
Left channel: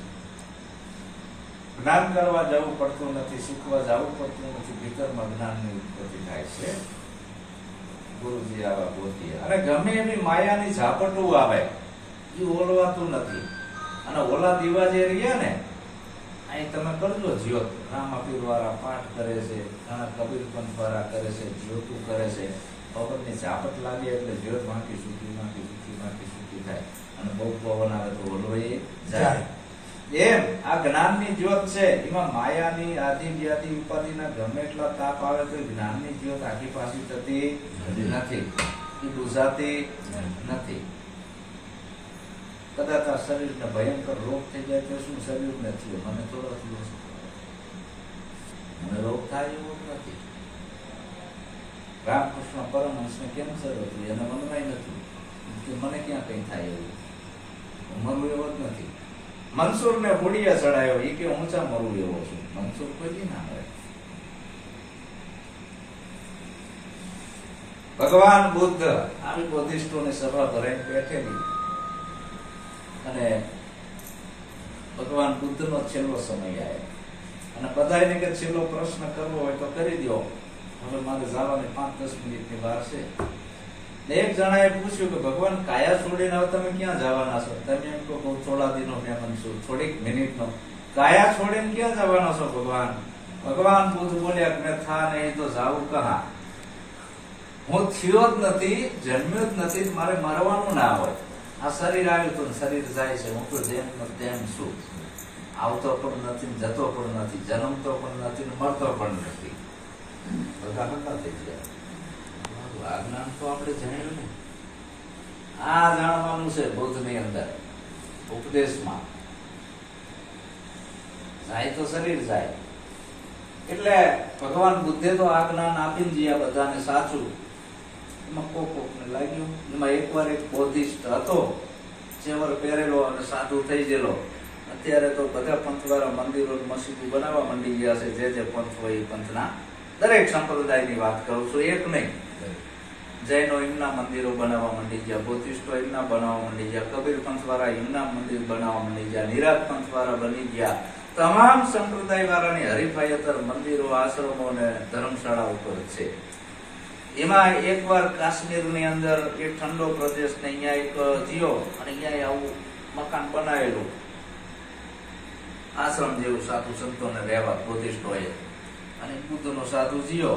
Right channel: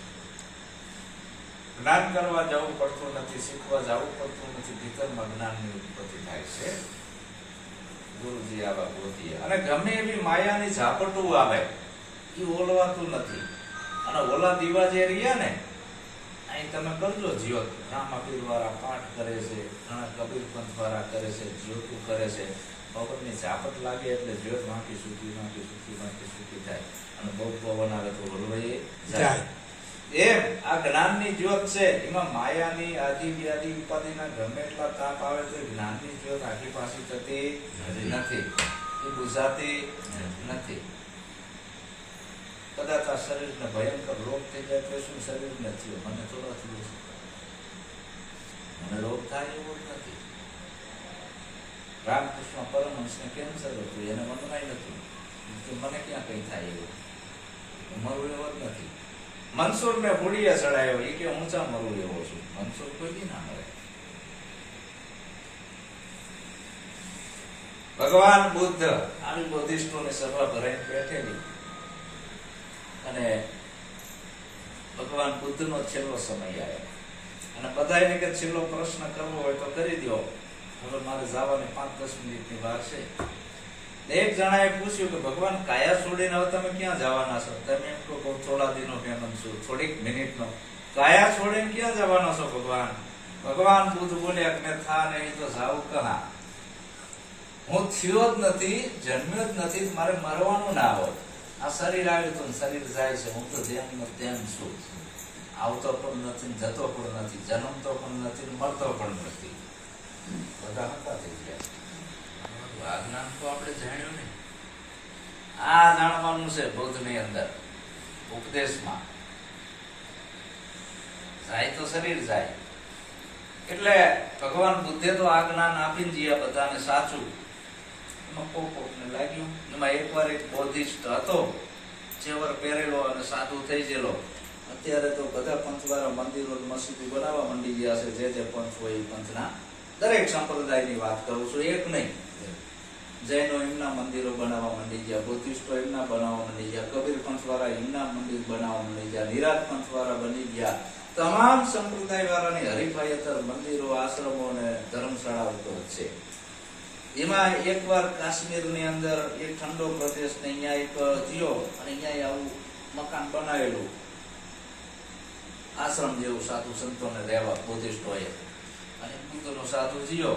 જ્ઞાન કરવા જવું પડતું નથી, શીખવા જવું પડતું નથી. ભીતરમાં જ્ઞાનની ઉત્પત્તિ થાય છે. ગુરુજી આવા ગોતીએ. અને ગમે એવી માયાની ઝાપટું આવે એ ઓલવાતું નથી. અને ઓલા દીવા જે રહ્યા ને, અહીં તમે કરજો જ્યોત. રામાપીર વાળા પાઠ કરે છે, ઘણા કબીર પંથ વાળા કરે છે, જ્યોતું કરે છે. પવનની ઝાપટ લાગે એટલે જ્યોત વાંકી સૂકી થાય. અને બહુ પવન આવે તો ઓલવાઈ જાય. એમ આ જ્ઞાનની જ્યોત છે, એમાં માયાની આદિ વ્યાધિ ઉપાધિના ગમે એટલા તાપ આવે તો જ્ઞાનની જ્યોત આખી પાછી થતી નથી, એ બુઝાતી નથી. કદાચ આ શરીરને ભયંકર રોગ થઈ જાય તો શું શરીરને થયો, મને થોડો થયો છે, મને રોગ થાય એવો નથી. રામકૃષ્ણ પરમહંસને કેન્સર હતું, એને મનમાં નથી, મને ક્યાં કઈ થાય એવું, મરવું એવો જ નથી. મનસુર ને હુડીએ ચડાયો, એ કે ઊંચા મરવું એવો છું. મનસુર કોઈ દી ના મરે. ભગવાન બુદ્ધ આવી બોધિષ્ઠોની સભા ભરાઈને બેઠેલી, અને ભગવાન બુદ્ધ નો છેલ્લો સમય આવ્યો, અને બધાને કે છેલ્લો પ્રશ્ન કરવો હોય તો કરી દો, હવે મારે જવાની 5-10 મિનિટની વાર છે. એક જણાએ પૂછ્યું કે ભગવાન કાયા છોડીને હવે તમે ક્યાં જવાના છો? તમે એમ કહો થોડા દિનો મહેમાન છું, થોડીક મિનિટનો. કાયા છોડીને ક્યાં જવાના છો ભગવાન? ભગવાન બુદ્ધ બોલ્યા કે થા નહીં તો જાવું કહા. હું થયો જ નથી, જન્મ્યો જ નથી, મારે મરવાનું ના હોય. આ શરીર આવ્યું તો શરીર જાય છે, હું તો જેમ તેમ છું. આવતો પણ નથી, જતો પણ નથી, જન્મતો પણ નથી, મરતો પણ નથી. બધા હતા થઈ ગયા. આ જ્ઞાન તો આપણે જાણ્યું ને, આ જાણવાનું છે બૌદ્ધની અંદર ઉપદેશમાં. જાય તો શરીર જાય. એટલે ભગવાન બુદ્ધે તો આ જ્ઞાન આપીને જીયા બધાને સાચું. એમાં કોકને લાગ્યું. એમાં એકવાર એક બોધિષ્ઠ હતો, ચેવર પહેરેલો અને સાધુ થઈ ગયેલો. અત્યારે તો બધા પંથવાળા મંદિરો મસ્જિદો બનાવવા માંડી ગયા છે. જે પંથ હોય એ પંથના દરેક સંપ્રદાયની વાત કરું છું, એક નહીં. જૈનો એમના મંદિરો બનાવવા માંડી ગયા, બૌદ્ધિસ્ટો એમના બનાવવા માંડી ગયા, કબીર પંથ વાળા એમના મંદિર બનાવવા માંડી ગયા, નિરાત પંથ વાળા બની ગયા. તમામ સંપ્રદાય વાળાની હરીફાઈ અત્યારે મંદિરો, આશ્રમો અને ધર્મશાળા ઉપર છે. એમાં એકવાર કાશ્મીરની અંદર એક ઠંડો પ્રદેશ ને અહીંયા એક જીઓ, અને અહીંયા આવું મકાન બનાવેલું આશ્રમ જેવું, સાધુ સંતોને રહેવા બૌદ્ધિસ્ટોએ. અને બુદ્ધનો સાધુ જીઓ,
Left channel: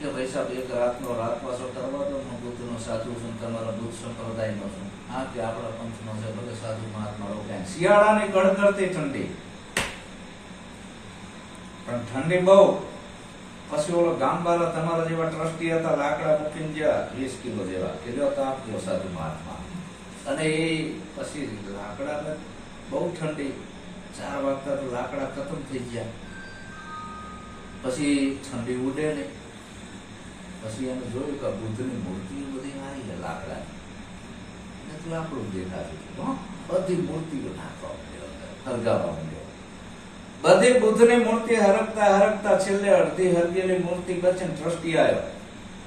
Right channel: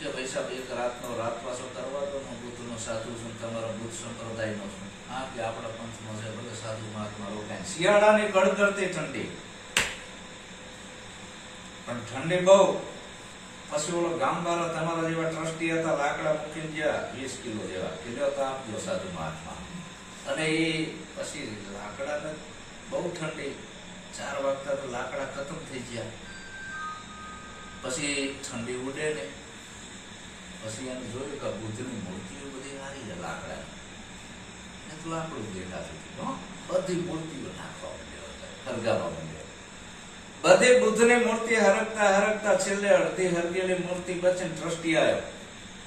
કે ભાઈ સાહેબ એક રાતનો રાતવાસો કરવા દો, હું બુદ્ધનો સાધુ છું, તમારા બુદ્ધ સંપ્રદાયનો છું. હા કે આપણા પંથનો છે, ભલે સાધુ મહાત્મા રોકાય. શિયાળાની કડકડતી ઠંડી, પણ ઠંડી બહુ. પછી ઓલો ગામ વાળા તમારા જેવા ટ્રસ્ટી હતા, લાકડા મૂકીને ગયા 20 કિલો જેવા, કે જો તાપ દો સાધુ મહાત્મા. અને એ પછી લાકડા બહુ ઠંડી, 4 વાગતા તો લાકડા ખતમ થઈ ગયા. પછી ઠંડી ઉડે ને પછી એને જોયું કે બુદ્ધની મૂર્તિઓ બધી આવી છે લાકડા લાકડું દેખાતું. બધી મૂર્તિઓ નાખવા હરગાવા માંડ્યો. બધી બુદ્ધની મૂર્તિ હરકતા હરકતા છેલ્લે અડધી હરગેલી મૂર્તિ પછી ટ્રસ્ટી આવ્યો.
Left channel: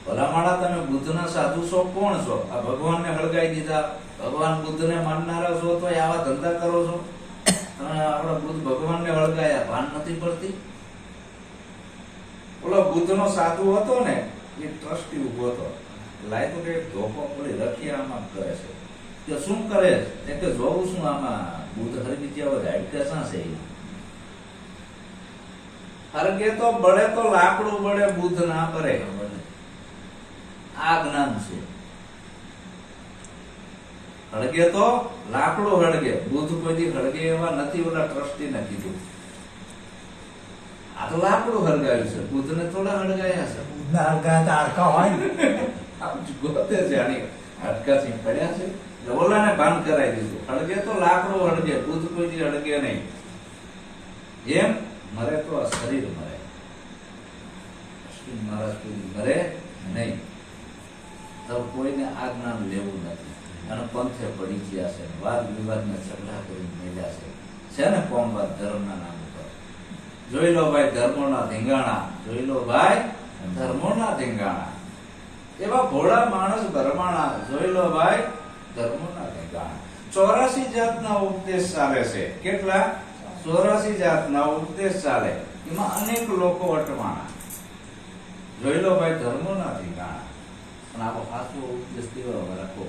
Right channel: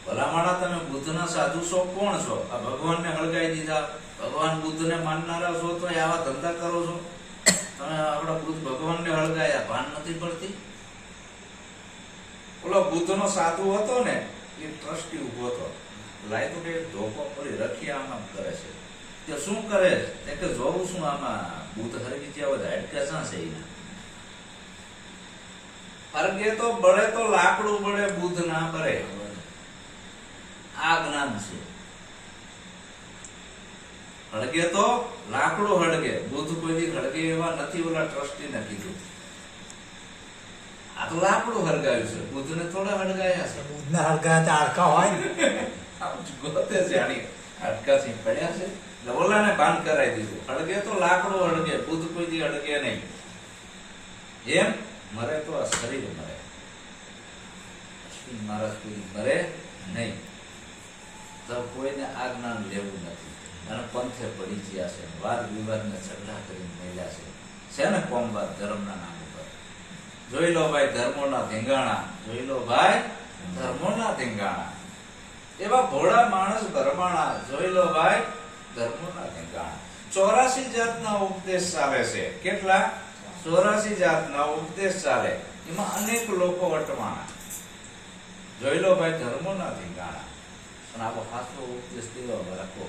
ભલા માણા તમે બુદ્ધના સાધુ છો, કોણ છો? આ ભગવાનને હળગાઈ દીધા. ભગવાન બુદ્ધને માનનારા છો તો આવા ધંધા કરો છો? તમે આપણા બુદ્ધ ભગવાનને હળગાયા, ભાન નથી પડતી? ઓલો બુદ્ધનો સાધુ હતો ને એ ટ્રસ્ટી ઉભો હતો. લાય તો કે ધોકો પડી રખિયામાં કરે છે. કે શું કરે છે કે જોઉં છું આમાં બુદ્ધ હરગી ગયા હોય હાડકા શા છે એના? હરગે તો બળે તો લાકડું બળે, બુદ્ધ ના કરે. આ જ્ઞાન છે. હળગે તો લાકડું હળગે, બુદ્ધ કોઈ હળગે એવા નથી. ઓલા ટ્રસ્ટી ને કીધું આ તો લાકડું હળગાયું છે, બુદ્ધ ને થોડા હળગાયા છે. હાડકા હોય ને ગોતે જાણી હાડકા થી પડ્યા છે. ઓલાને ભાન કરાવી દીધું. હળગે તો લાકડું હળગે, બુદ્ધ કોઈ દી હળગે નહીં. એમ મરે તો આ શરીર મરે, મહારાજ કોઈ મરે નહીં. તો કોઈને આ જ્ઞાન લેવું નથી. અને પંથે પડી ગયા છે, વાદ વિવાદ ને ઝઘડા કરી મેળ્યા છે ને કોમવાદ ધર્મના નામ ઉપર. જોઈ લો ભાઈ ધર્મોના ધીંગાણા, જોઈ લો ભાઈ ધર્મોના ધીંગાણા. એવા ભોળા માણસ ધર્માણા, જોઈ લો ભાઈ ધર્મોના ધીંગાણા. 84 જાતના ઉપદેશ ચાલે છે. કેટલા? 84 જાતના ઉપદેશ ચાલે. એમાં અનેક લોકો અટવાણા. જોઈ લો ભાઈ ધર્મોના ધીંગાણા. પણ આવો સાચો ઉપદેશ કેવો રાખો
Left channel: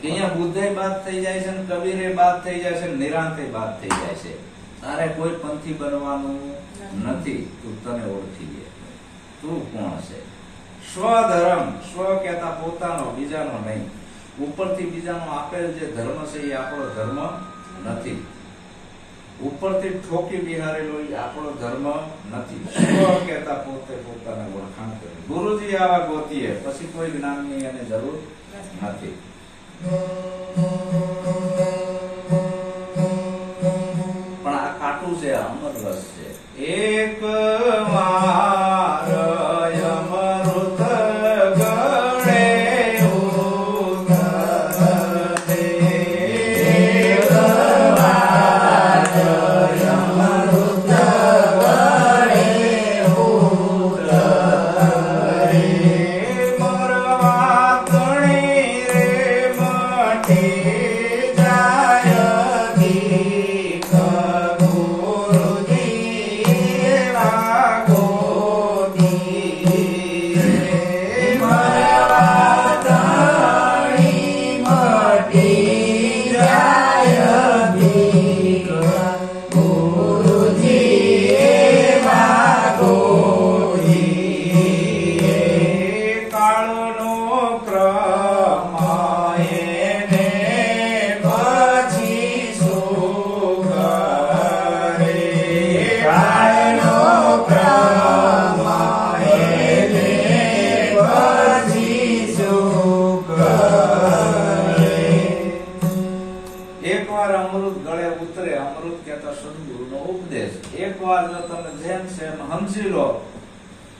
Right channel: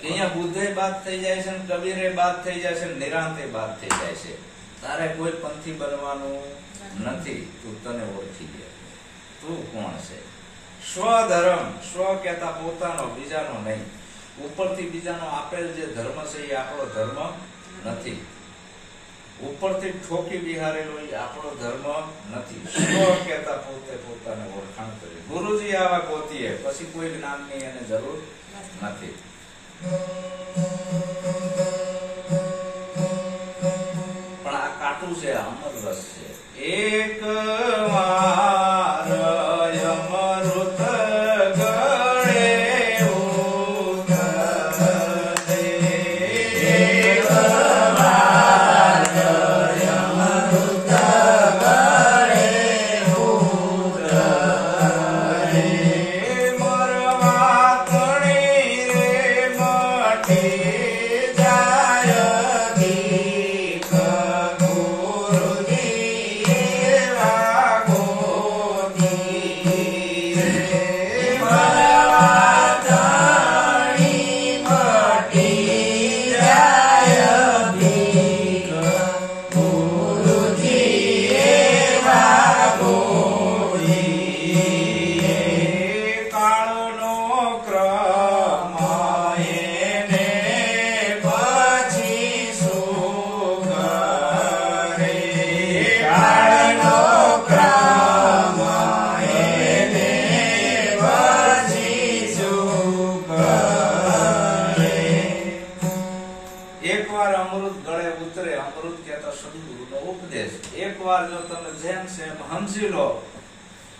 કે અહીંયા બુદ્ધે બાદ થઈ જાય છે, કબીરે બાદ થઈ જાય છે, નિરાંતે બાદ થઈ જાય છે. તારે કોઈ પંથી બનવાનું નથી. તું તને ઓળખી લે, તું કોણ છે. સ્વધર્મ, સ્વ કહેતા પોતાનો, બીજાનો નહીં. ઉપરથી બીજાનો આપેલ જે ધર્મ છે એ આપણો ધર્મ નથી. ઉપરથી ઠોકી બિહારેલો એ આપણો ધર્મ નથી. સ્વ કહેતા પોતે પોતાને ઓળખાણ કરે. ગુરુજી આવા ગોતીએ પછી કોઈ જ્ઞાનની એને જરૂર નથી. પણ આ કાટું છે, અમર રસ છે. એક વાર અમૃત ગળે ઉતરે, એક વાર અમૃત ગળે ઉતરે, મરવા તણી રે મટી જાય ગીત ગુરુજી લાગોતી રે, મરવા તણી મટી જાય ગીત ગુરુજી લાગોતી. કાળનો ક્રમ એને પછી શું કરે, કાળનો ક્રમ એને પછી શું કરે. એકવાર અમૃત ગળે ઉતરે, અમૃત કહેતા સદગુરુનો ઉપદેશ. એકવાર જો તમે જેમ છે એમ સમજી લો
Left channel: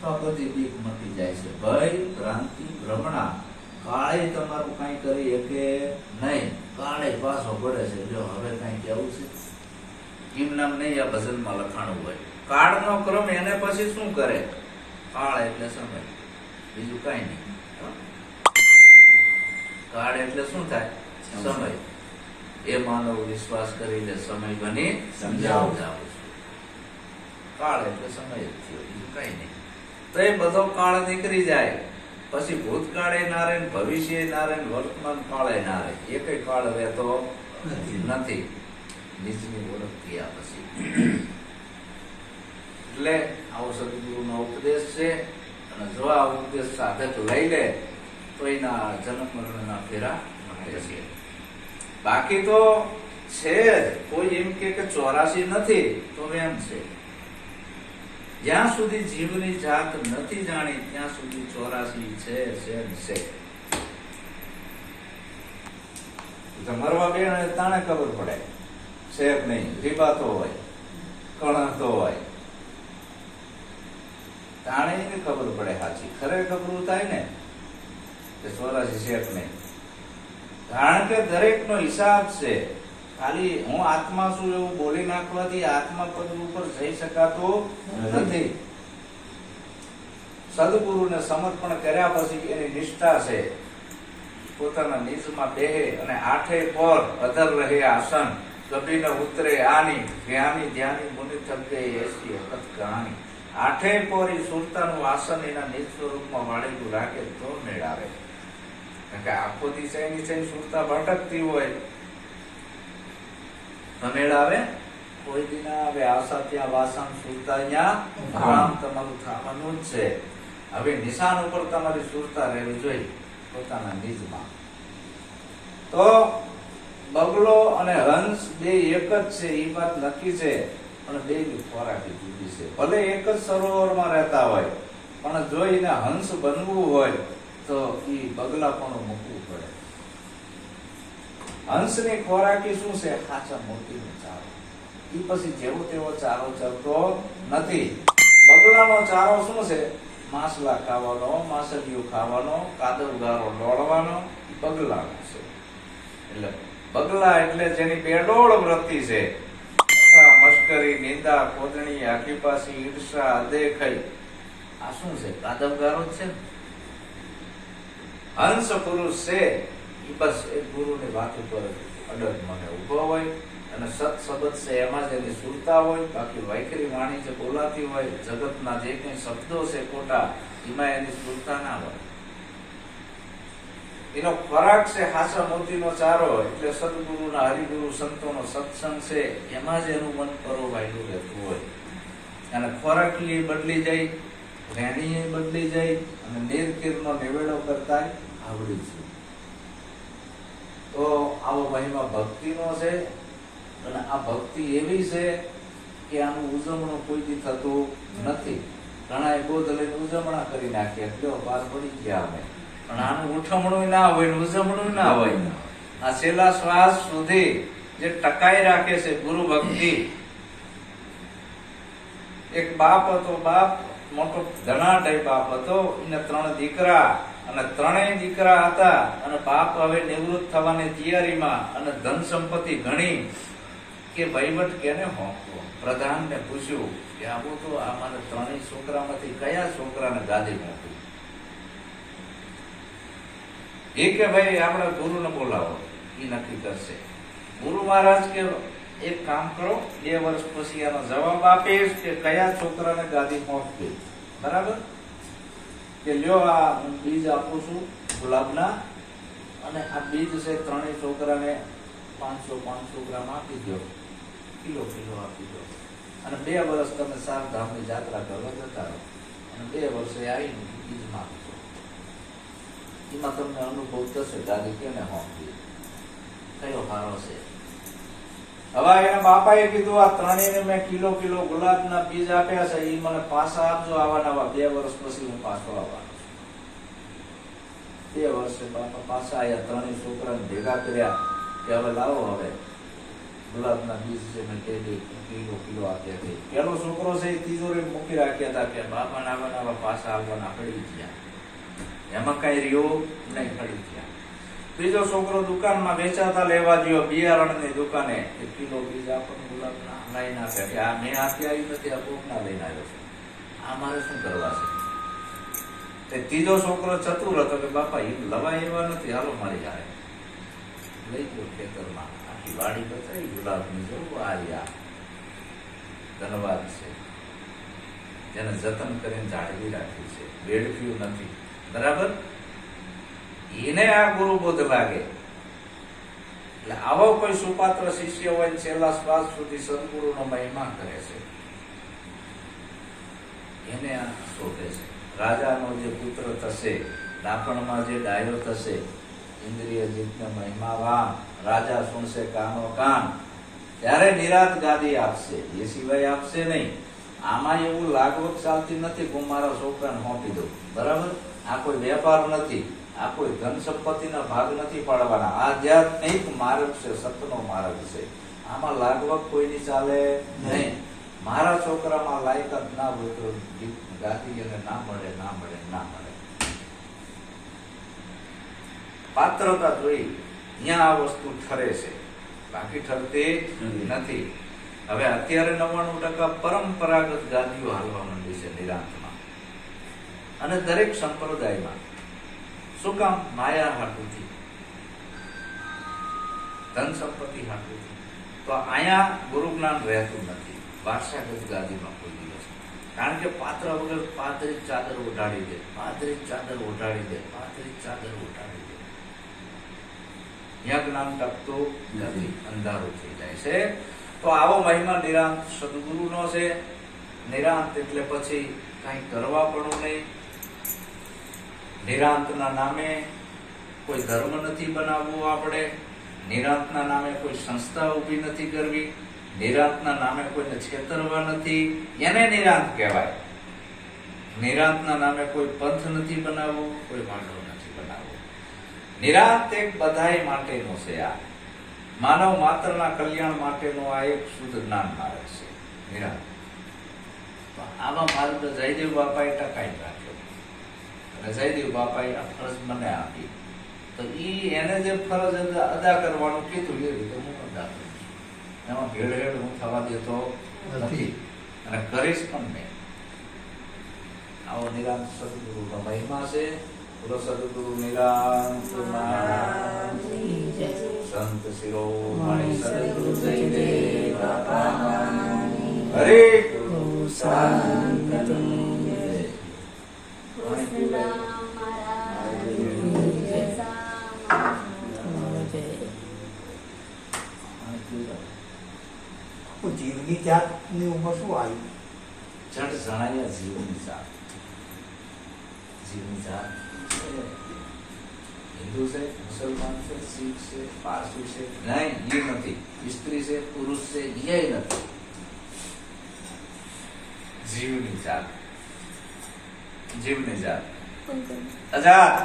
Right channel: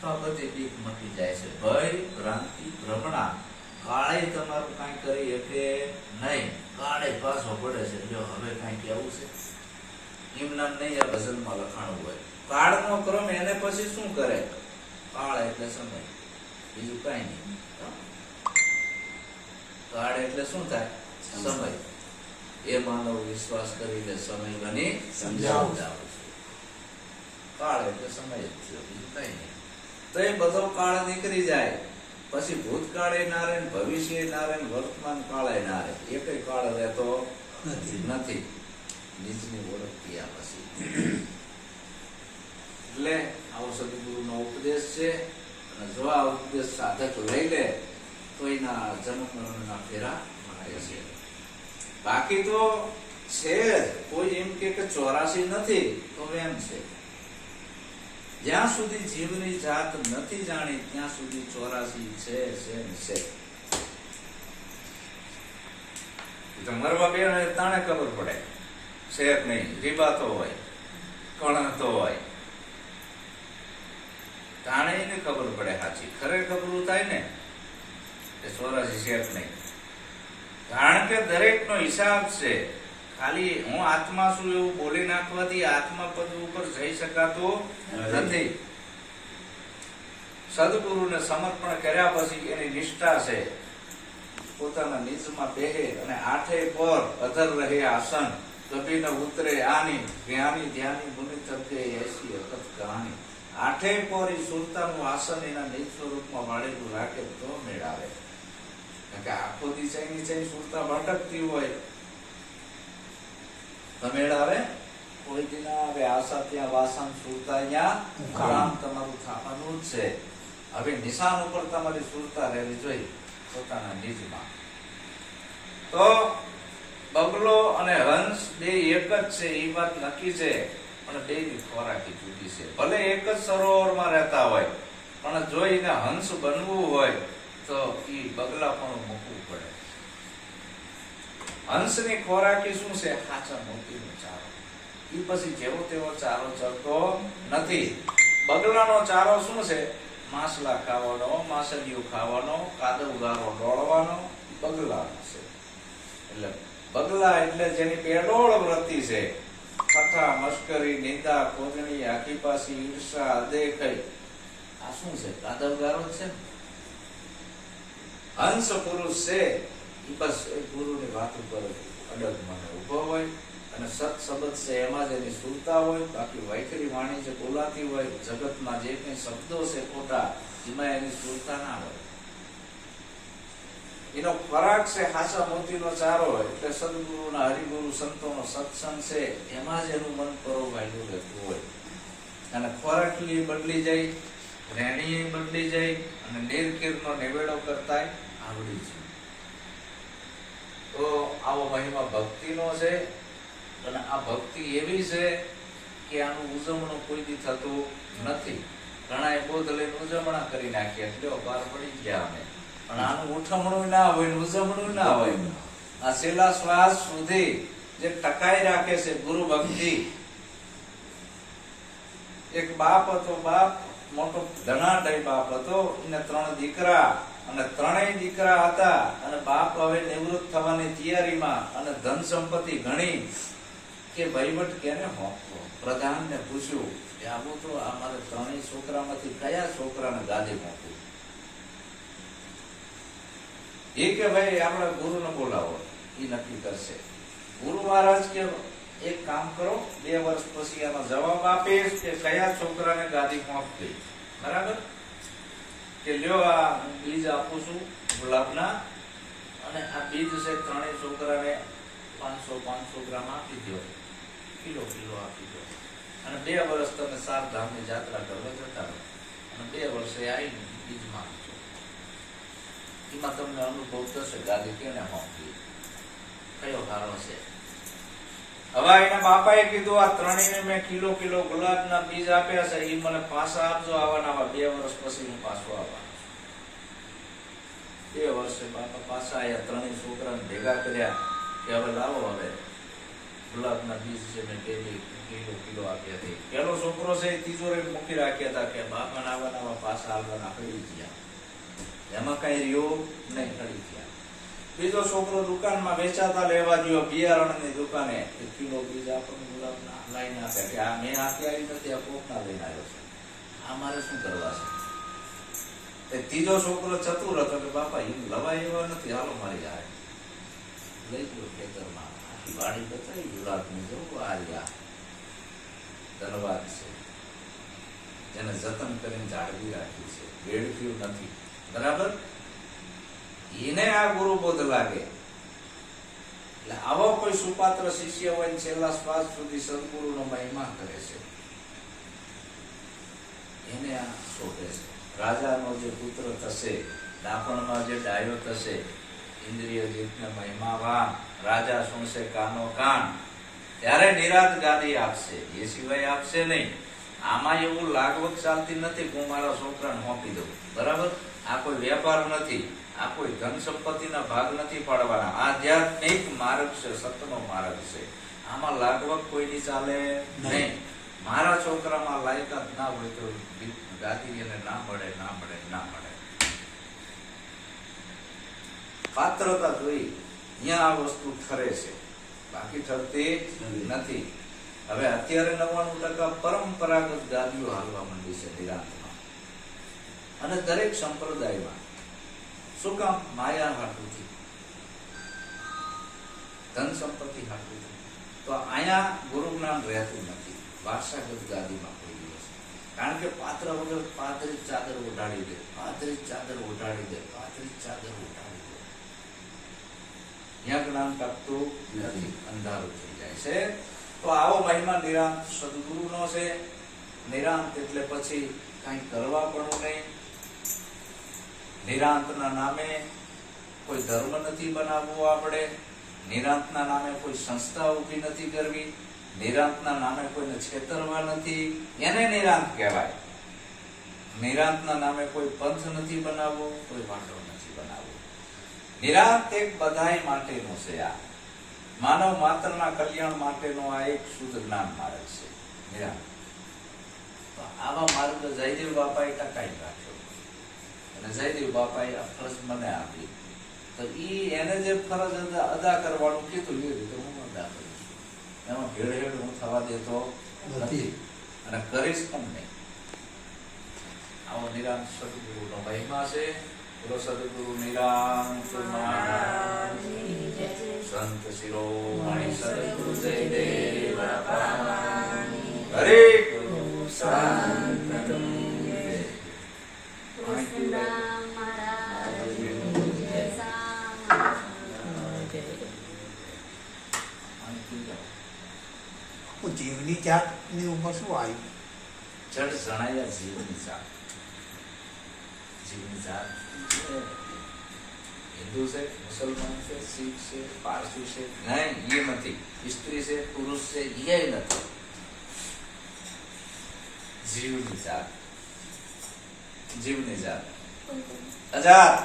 તો આ બધી બીક મટી જાય છે. ભય, ભ્રાંતિ, ભ્રમણા કાળે તમારું કઈ કરી શકે નહીં. કાળે પાછો પડે છે. જો હવે કઈ કેવું છે એમ નામ નહીં. આ ભજનમાં લખાણું હોય કાળનો ક્રમ એને પછી શું કરે. કાળ એટલે સમય, બીજું કઈ નહીં. કાળ એટલે શું થાય? સમય. એ માનવ વિશ્વાસ કરી લે સમય બની સમજાવું છું. કાળ એટલે સમય જ થયો, બીજું કઈ નહીં. તો એ બધો કાળ નીકળી જાય પછી ભૂતકાળે ના રહે, ભવિષ્ય ના રહે, વર્તમાન કાળે ના રહે. એકે કાળ રહેતો નથી. નીચની ઓળખ થયા પછી. એટલે આવો સદગુરુનો ઉપદેશ છે. અને જો આ ઉપદેશ સાધક લઈ લે તો એના જન્મ મરણના ફેરા મળે છે. બાકી તો છે જ. કોઈ એમ કે 84 નથી તો એમ છે. જ્યાં સુધી જીવની જાત નથી જાણી ત્યાં સુધી 84 છે. મરવા બે તાણે ખબર પડે શેર નહીં, રીબાતો હોય, કણતો હોય, તાણે એને ખબર પડે સાચી. ખરેખર થાય ને કે 84 શેર નહીં. કારણ કે દરેક નો હિસાબ છે. ખાલી હું આત્મા છું એવું બોલી નાખવાથી આત્મા પદ ઉપર જઈ શકાતો નથી. સદગુરુને સમર્પણ કર્યા પછી એની નિષ્ઠા છે પોતાના નિજમાં બેહે અને આઠે પર અધર રહે આસન, કભી ન ઉતરે આની જ્ઞાની ધ્યાની મુનિ થકે એસી વખત કહાની. આઠે પર સુરતાનું આસન એના નિજ સ્વરૂપમાં વાળેલું રાખે તો મેળાવે. કારણ કે આખો દિશાની છે સુરતા ભટકતી હોય તો મેળાવે કોઈ દિન આવે. આશા ત્યાં વાસન સુરતા અહીંયા કામ તમારું થવાનું જ છે. હવે નિશાન ઉપર તમારી સુરતા રહેવી જોઈએ પોતાના નિજમાં. તો બગલો અને હંસ બે એક જ છે એ વાત નક્કી છે, પણ બે ખોરાકી જુદી છે. ભલે એક જ સરોવરમાં રહેતા હોય પણ જો એને હંસ બનવું હોય તો એ બગલા પણ મૂકવું પડે. હંસની ખોરાકી શું છે? ખાચા મોતીનો ચારો. એ પછી જેવો તેવો ચારો ચરતો નથી. બગલાનો ચારો શું છે? માછલા ખાવાનો, માછલીઓ ખાવાનો, કાદવ ગારો દોડવાનો બગલાનો છે. એટલે બગલા એટલે જેની બેડોળ વૃત્તિ છે. કથા, મશ્કરી, નિંદા, ખોદણી, આખીપાસી, ઈર્ષા, અદેખાઈ, આ શું છે? કાદવ ગારો જ છે ને. હંસ પુરુષ છે એ બસ એ ગુરુની વાત ઉપર અડગ મને ઉભો હોય અને સત શબ્દ છે એમાં જ એની સુરતા હોય. બાકી વૈખરી વાણી જે બોલાતી હોય, જગતના જે કઈ શબ્દો છે ખોટા, એમાં એની સુરતા ના હોય. એનો ખોરાક છે હાસા મોતીનો ચારો. એટલે સદગુરુના, હરિગુરુ સંતોનો સત્સંગ છે એમાં જ એનું મન પરોવાયેલું રહેતું હોય. અને ખોરાક બદલી જાય, રેણી બદલી જાય અને નિર્કીરનો નિવેડો કરતા આવડી છે. તો આવો મહિમા ભક્તિનો છે. અને આ ભક્તિ એવી છે કે આનું ઉજવણું કોઈ દી થતું નથી. ઘણા બોધ લઈને ઉજવણા કરી નાખીએ એટલે બહાર પડી ગયા અમે. પણ આનું ઉઠમણું ના હોય, ઉજવણું ના હોય. આ છેલ્લા શ્વાસ સુધી જે ટકાઈ રાખે છે ગુરુ ભક્તિ. એક બાપ હતો, બાપ મોટો ધનાઢ્ય બાપ હતો. એને 3 દીકરા અને 3 દીકરા હતા. અને બાપ હવે નિવૃત્ત થવાની તૈયારીમાં અને ધન સંપત્તિ ઘણી કે વહીવટ કેને હોંપવો. પ્રધાનને પૂછ્યું કે આવું તો અમારે 3 છોકરામાંથી કયા છોકરાને ગાદી હોંપવી? એ કે ભાઈ આપણા ગુરુને બોલાવો, એ નક્કી કરશે. ગુરુ મહારાજ કે એક કામ કરો, 2 વર્ષ પછી આનો જવાબ આપીશ કે કયા છોકરાને ગાદી પહોંચવી. બરાબર? કે લ્યો આ બીજ આપું છું ગુલાબના, અને આ બીજ છે 3 છોકરાને 500 ગ્રામ આપી દો, કિલો આપી દો. અને 2 વર્ષ તમે 4 ધામની યાત્રા કરવા જતા રહો અને 2 વર્ષે આવીને બીજ માંગજો. એમાં તમને અનુભવ થશે ગાદી કેને હોંપવી, કયો સારો છે. હવે એના બાપાએ કીધું આ 3 મેં કિલો ગુલાબના બીજ આપ્યા છે, એ મને પાછા આપજો આવા 2 વર્ષ પછી હું પાછો આવવાનો. 2 વર્ષે બાપા પાછા આવ્યા. 3 છોકરાને ભેગા કર્યા કે હવે લાવો, હવે ગુલાબના બીજ છે મેં કિલો આપ્યા હતી. પેલો છોકરો છે એ તિજોરી મૂકી રાખ્યા હતા કે બાપા નાવા પાછા આવવાના પડી ગયા. એમાં કઈ રહ્યો નહીં, પડી ગયા. બીજો છોકરો દુકાનમાં વેચાતા લેવા ગયો, બિયારણની દુકાને. 1 કિલો બીજ આપણને ગુલાબના લઈને આપ્યા કે આ મેં આપી આવી નથી, આ કોકના લઈને આવ્યો છે, આ મારે શું કરવા છે? ત્રીજો છોકરો ચતુર હતો કે બાપા એ લવાય એવા નથી, હાલો મારી આવે. લઈ ગયો ખેતરમાં, આખી વાડી બતાવી ગુલાબની. જોવું આ ધન્યવાદ છે જેને જતન કરીને જાળવી રાખ્યું છે, વેડફ્યું નથી. બરાબર? એને આ ગુરુ બોધ લાગે. એટલે આવો કોઈ સુપાત્ર શિષ્ય હોય છેલ્લા શ્વાસ સુધી સદગુરુનો મહિમા કરે છે, એને આ શોભે છે. રાજાનો જે પુત્ર થશે, દાપણમાં જે ડાયો થશે, ઇન્દ્રિય જીતને મહિમાવાન, રાજા સુણશે કાનો કાન, ત્યારે નિરાત ગાદી આપશે, એ સિવાય આપશે નહીં. આમાં એવું લાગવગ ચાલતી નથી હું મારા છોકરાને સોંપી દઉં. બરાબર? આ કોઈ વેપાર નથી, આ કોઈ ધન સંપત્તિના ભાગ નથી પાડવાના. આધ્યાત્મિક માર્ગ છે, સતનો માર્ગ છે. આમાં લાગવગ કોઈની ચાલે નહીં. મારા છોકરામાં લાયકાત ના હોય તો ગાદી એને ના મળે, ના મળે, ના મળે. પાત્રતા જોઈ ત્યાં આ વસ્તુ ઠરે છે, બાકી ઠરતી નથી. હવે અત્યારે 99% પરંપરાગત ગાદીઓ હાલવા માંડી છે નિરાંતમાં, અને દરેક સંપ્રદાયમાં. શું કામ? માયા હાટુથી, ધન સંપત્તિ હાટુથી. તો અહીંયા ગુરુ જ્ઞાન રહેતું નથી વારસાગત ગાદીમાં કોઈ દિવસ. કારણ કે પાત્ર વગર પાતળી ચાદર ઓઢાડી દે, પાતળી ચાદર ઓઢાડી દે, પાતળી ચાદર ઓઢાડી દે. ત્યાં જ્ઞાન ટકતું નથી, અંધારું થઈ જાય છે. તો આવો મહિમા નિરાંત સદગુરુનો છે. નિરાંત એટલે પછી કઈ કરવા પણ નહીં. નિરાંતના નામે કોઈ ધર્મ નથી બનાવવો આપણે, નિરાંતના નામે કોઈ સંસ્થા ઊભી નથી કરવી, નિરાંતના નામે કોઈને છેતરવા નથી, એને નિરાંત કહેવાય. નિરાંતના નામે કોઈ પંથ નથી બનાવવો, કોઈ માંડવ નથી બનાવવો. નિરાંત એક બધાય માટેનો છે. આ માનવ માત્રના કલ્યાણ માટેનો આ એક શુદ્ધ જ્ઞાન માર્ગ છે નિરાંત. આવા માર્ગ જયદેવ બાપાએ ટકાઈ રાખ્યો, અને જયદેવ બાપાએ આ ફરજ મને આપી. તો એને જે ફરજ અદા કરવાનું કીધું એ રીતે હું અદા કરું છું. એમાં ભેળહેળ હું થવા દેતો નથી, અને કરીશ પણ નહીં. આવો નિરાંત સદગુરુનો મહિમા છે. બોલો સદગુરુ નિરાંત મહારાજની જય. સંત શિરોમણી સદગુરુ જયદેવ બાપાની હરે ગુરુ શાંતિની જય. જીવની જાત ની ઉપર શું આવ્યું? જડ જણાયા જીવની જાત. જીવની જાત હિન્દુ છે, મુસલમાન છે, શીખ છે, પારસી છે, નહીં એ નથી. સ્ત્રી છે, પુરુષ છે, એ નથી. જીવની જાત, જીવની જાત, આઝાદ.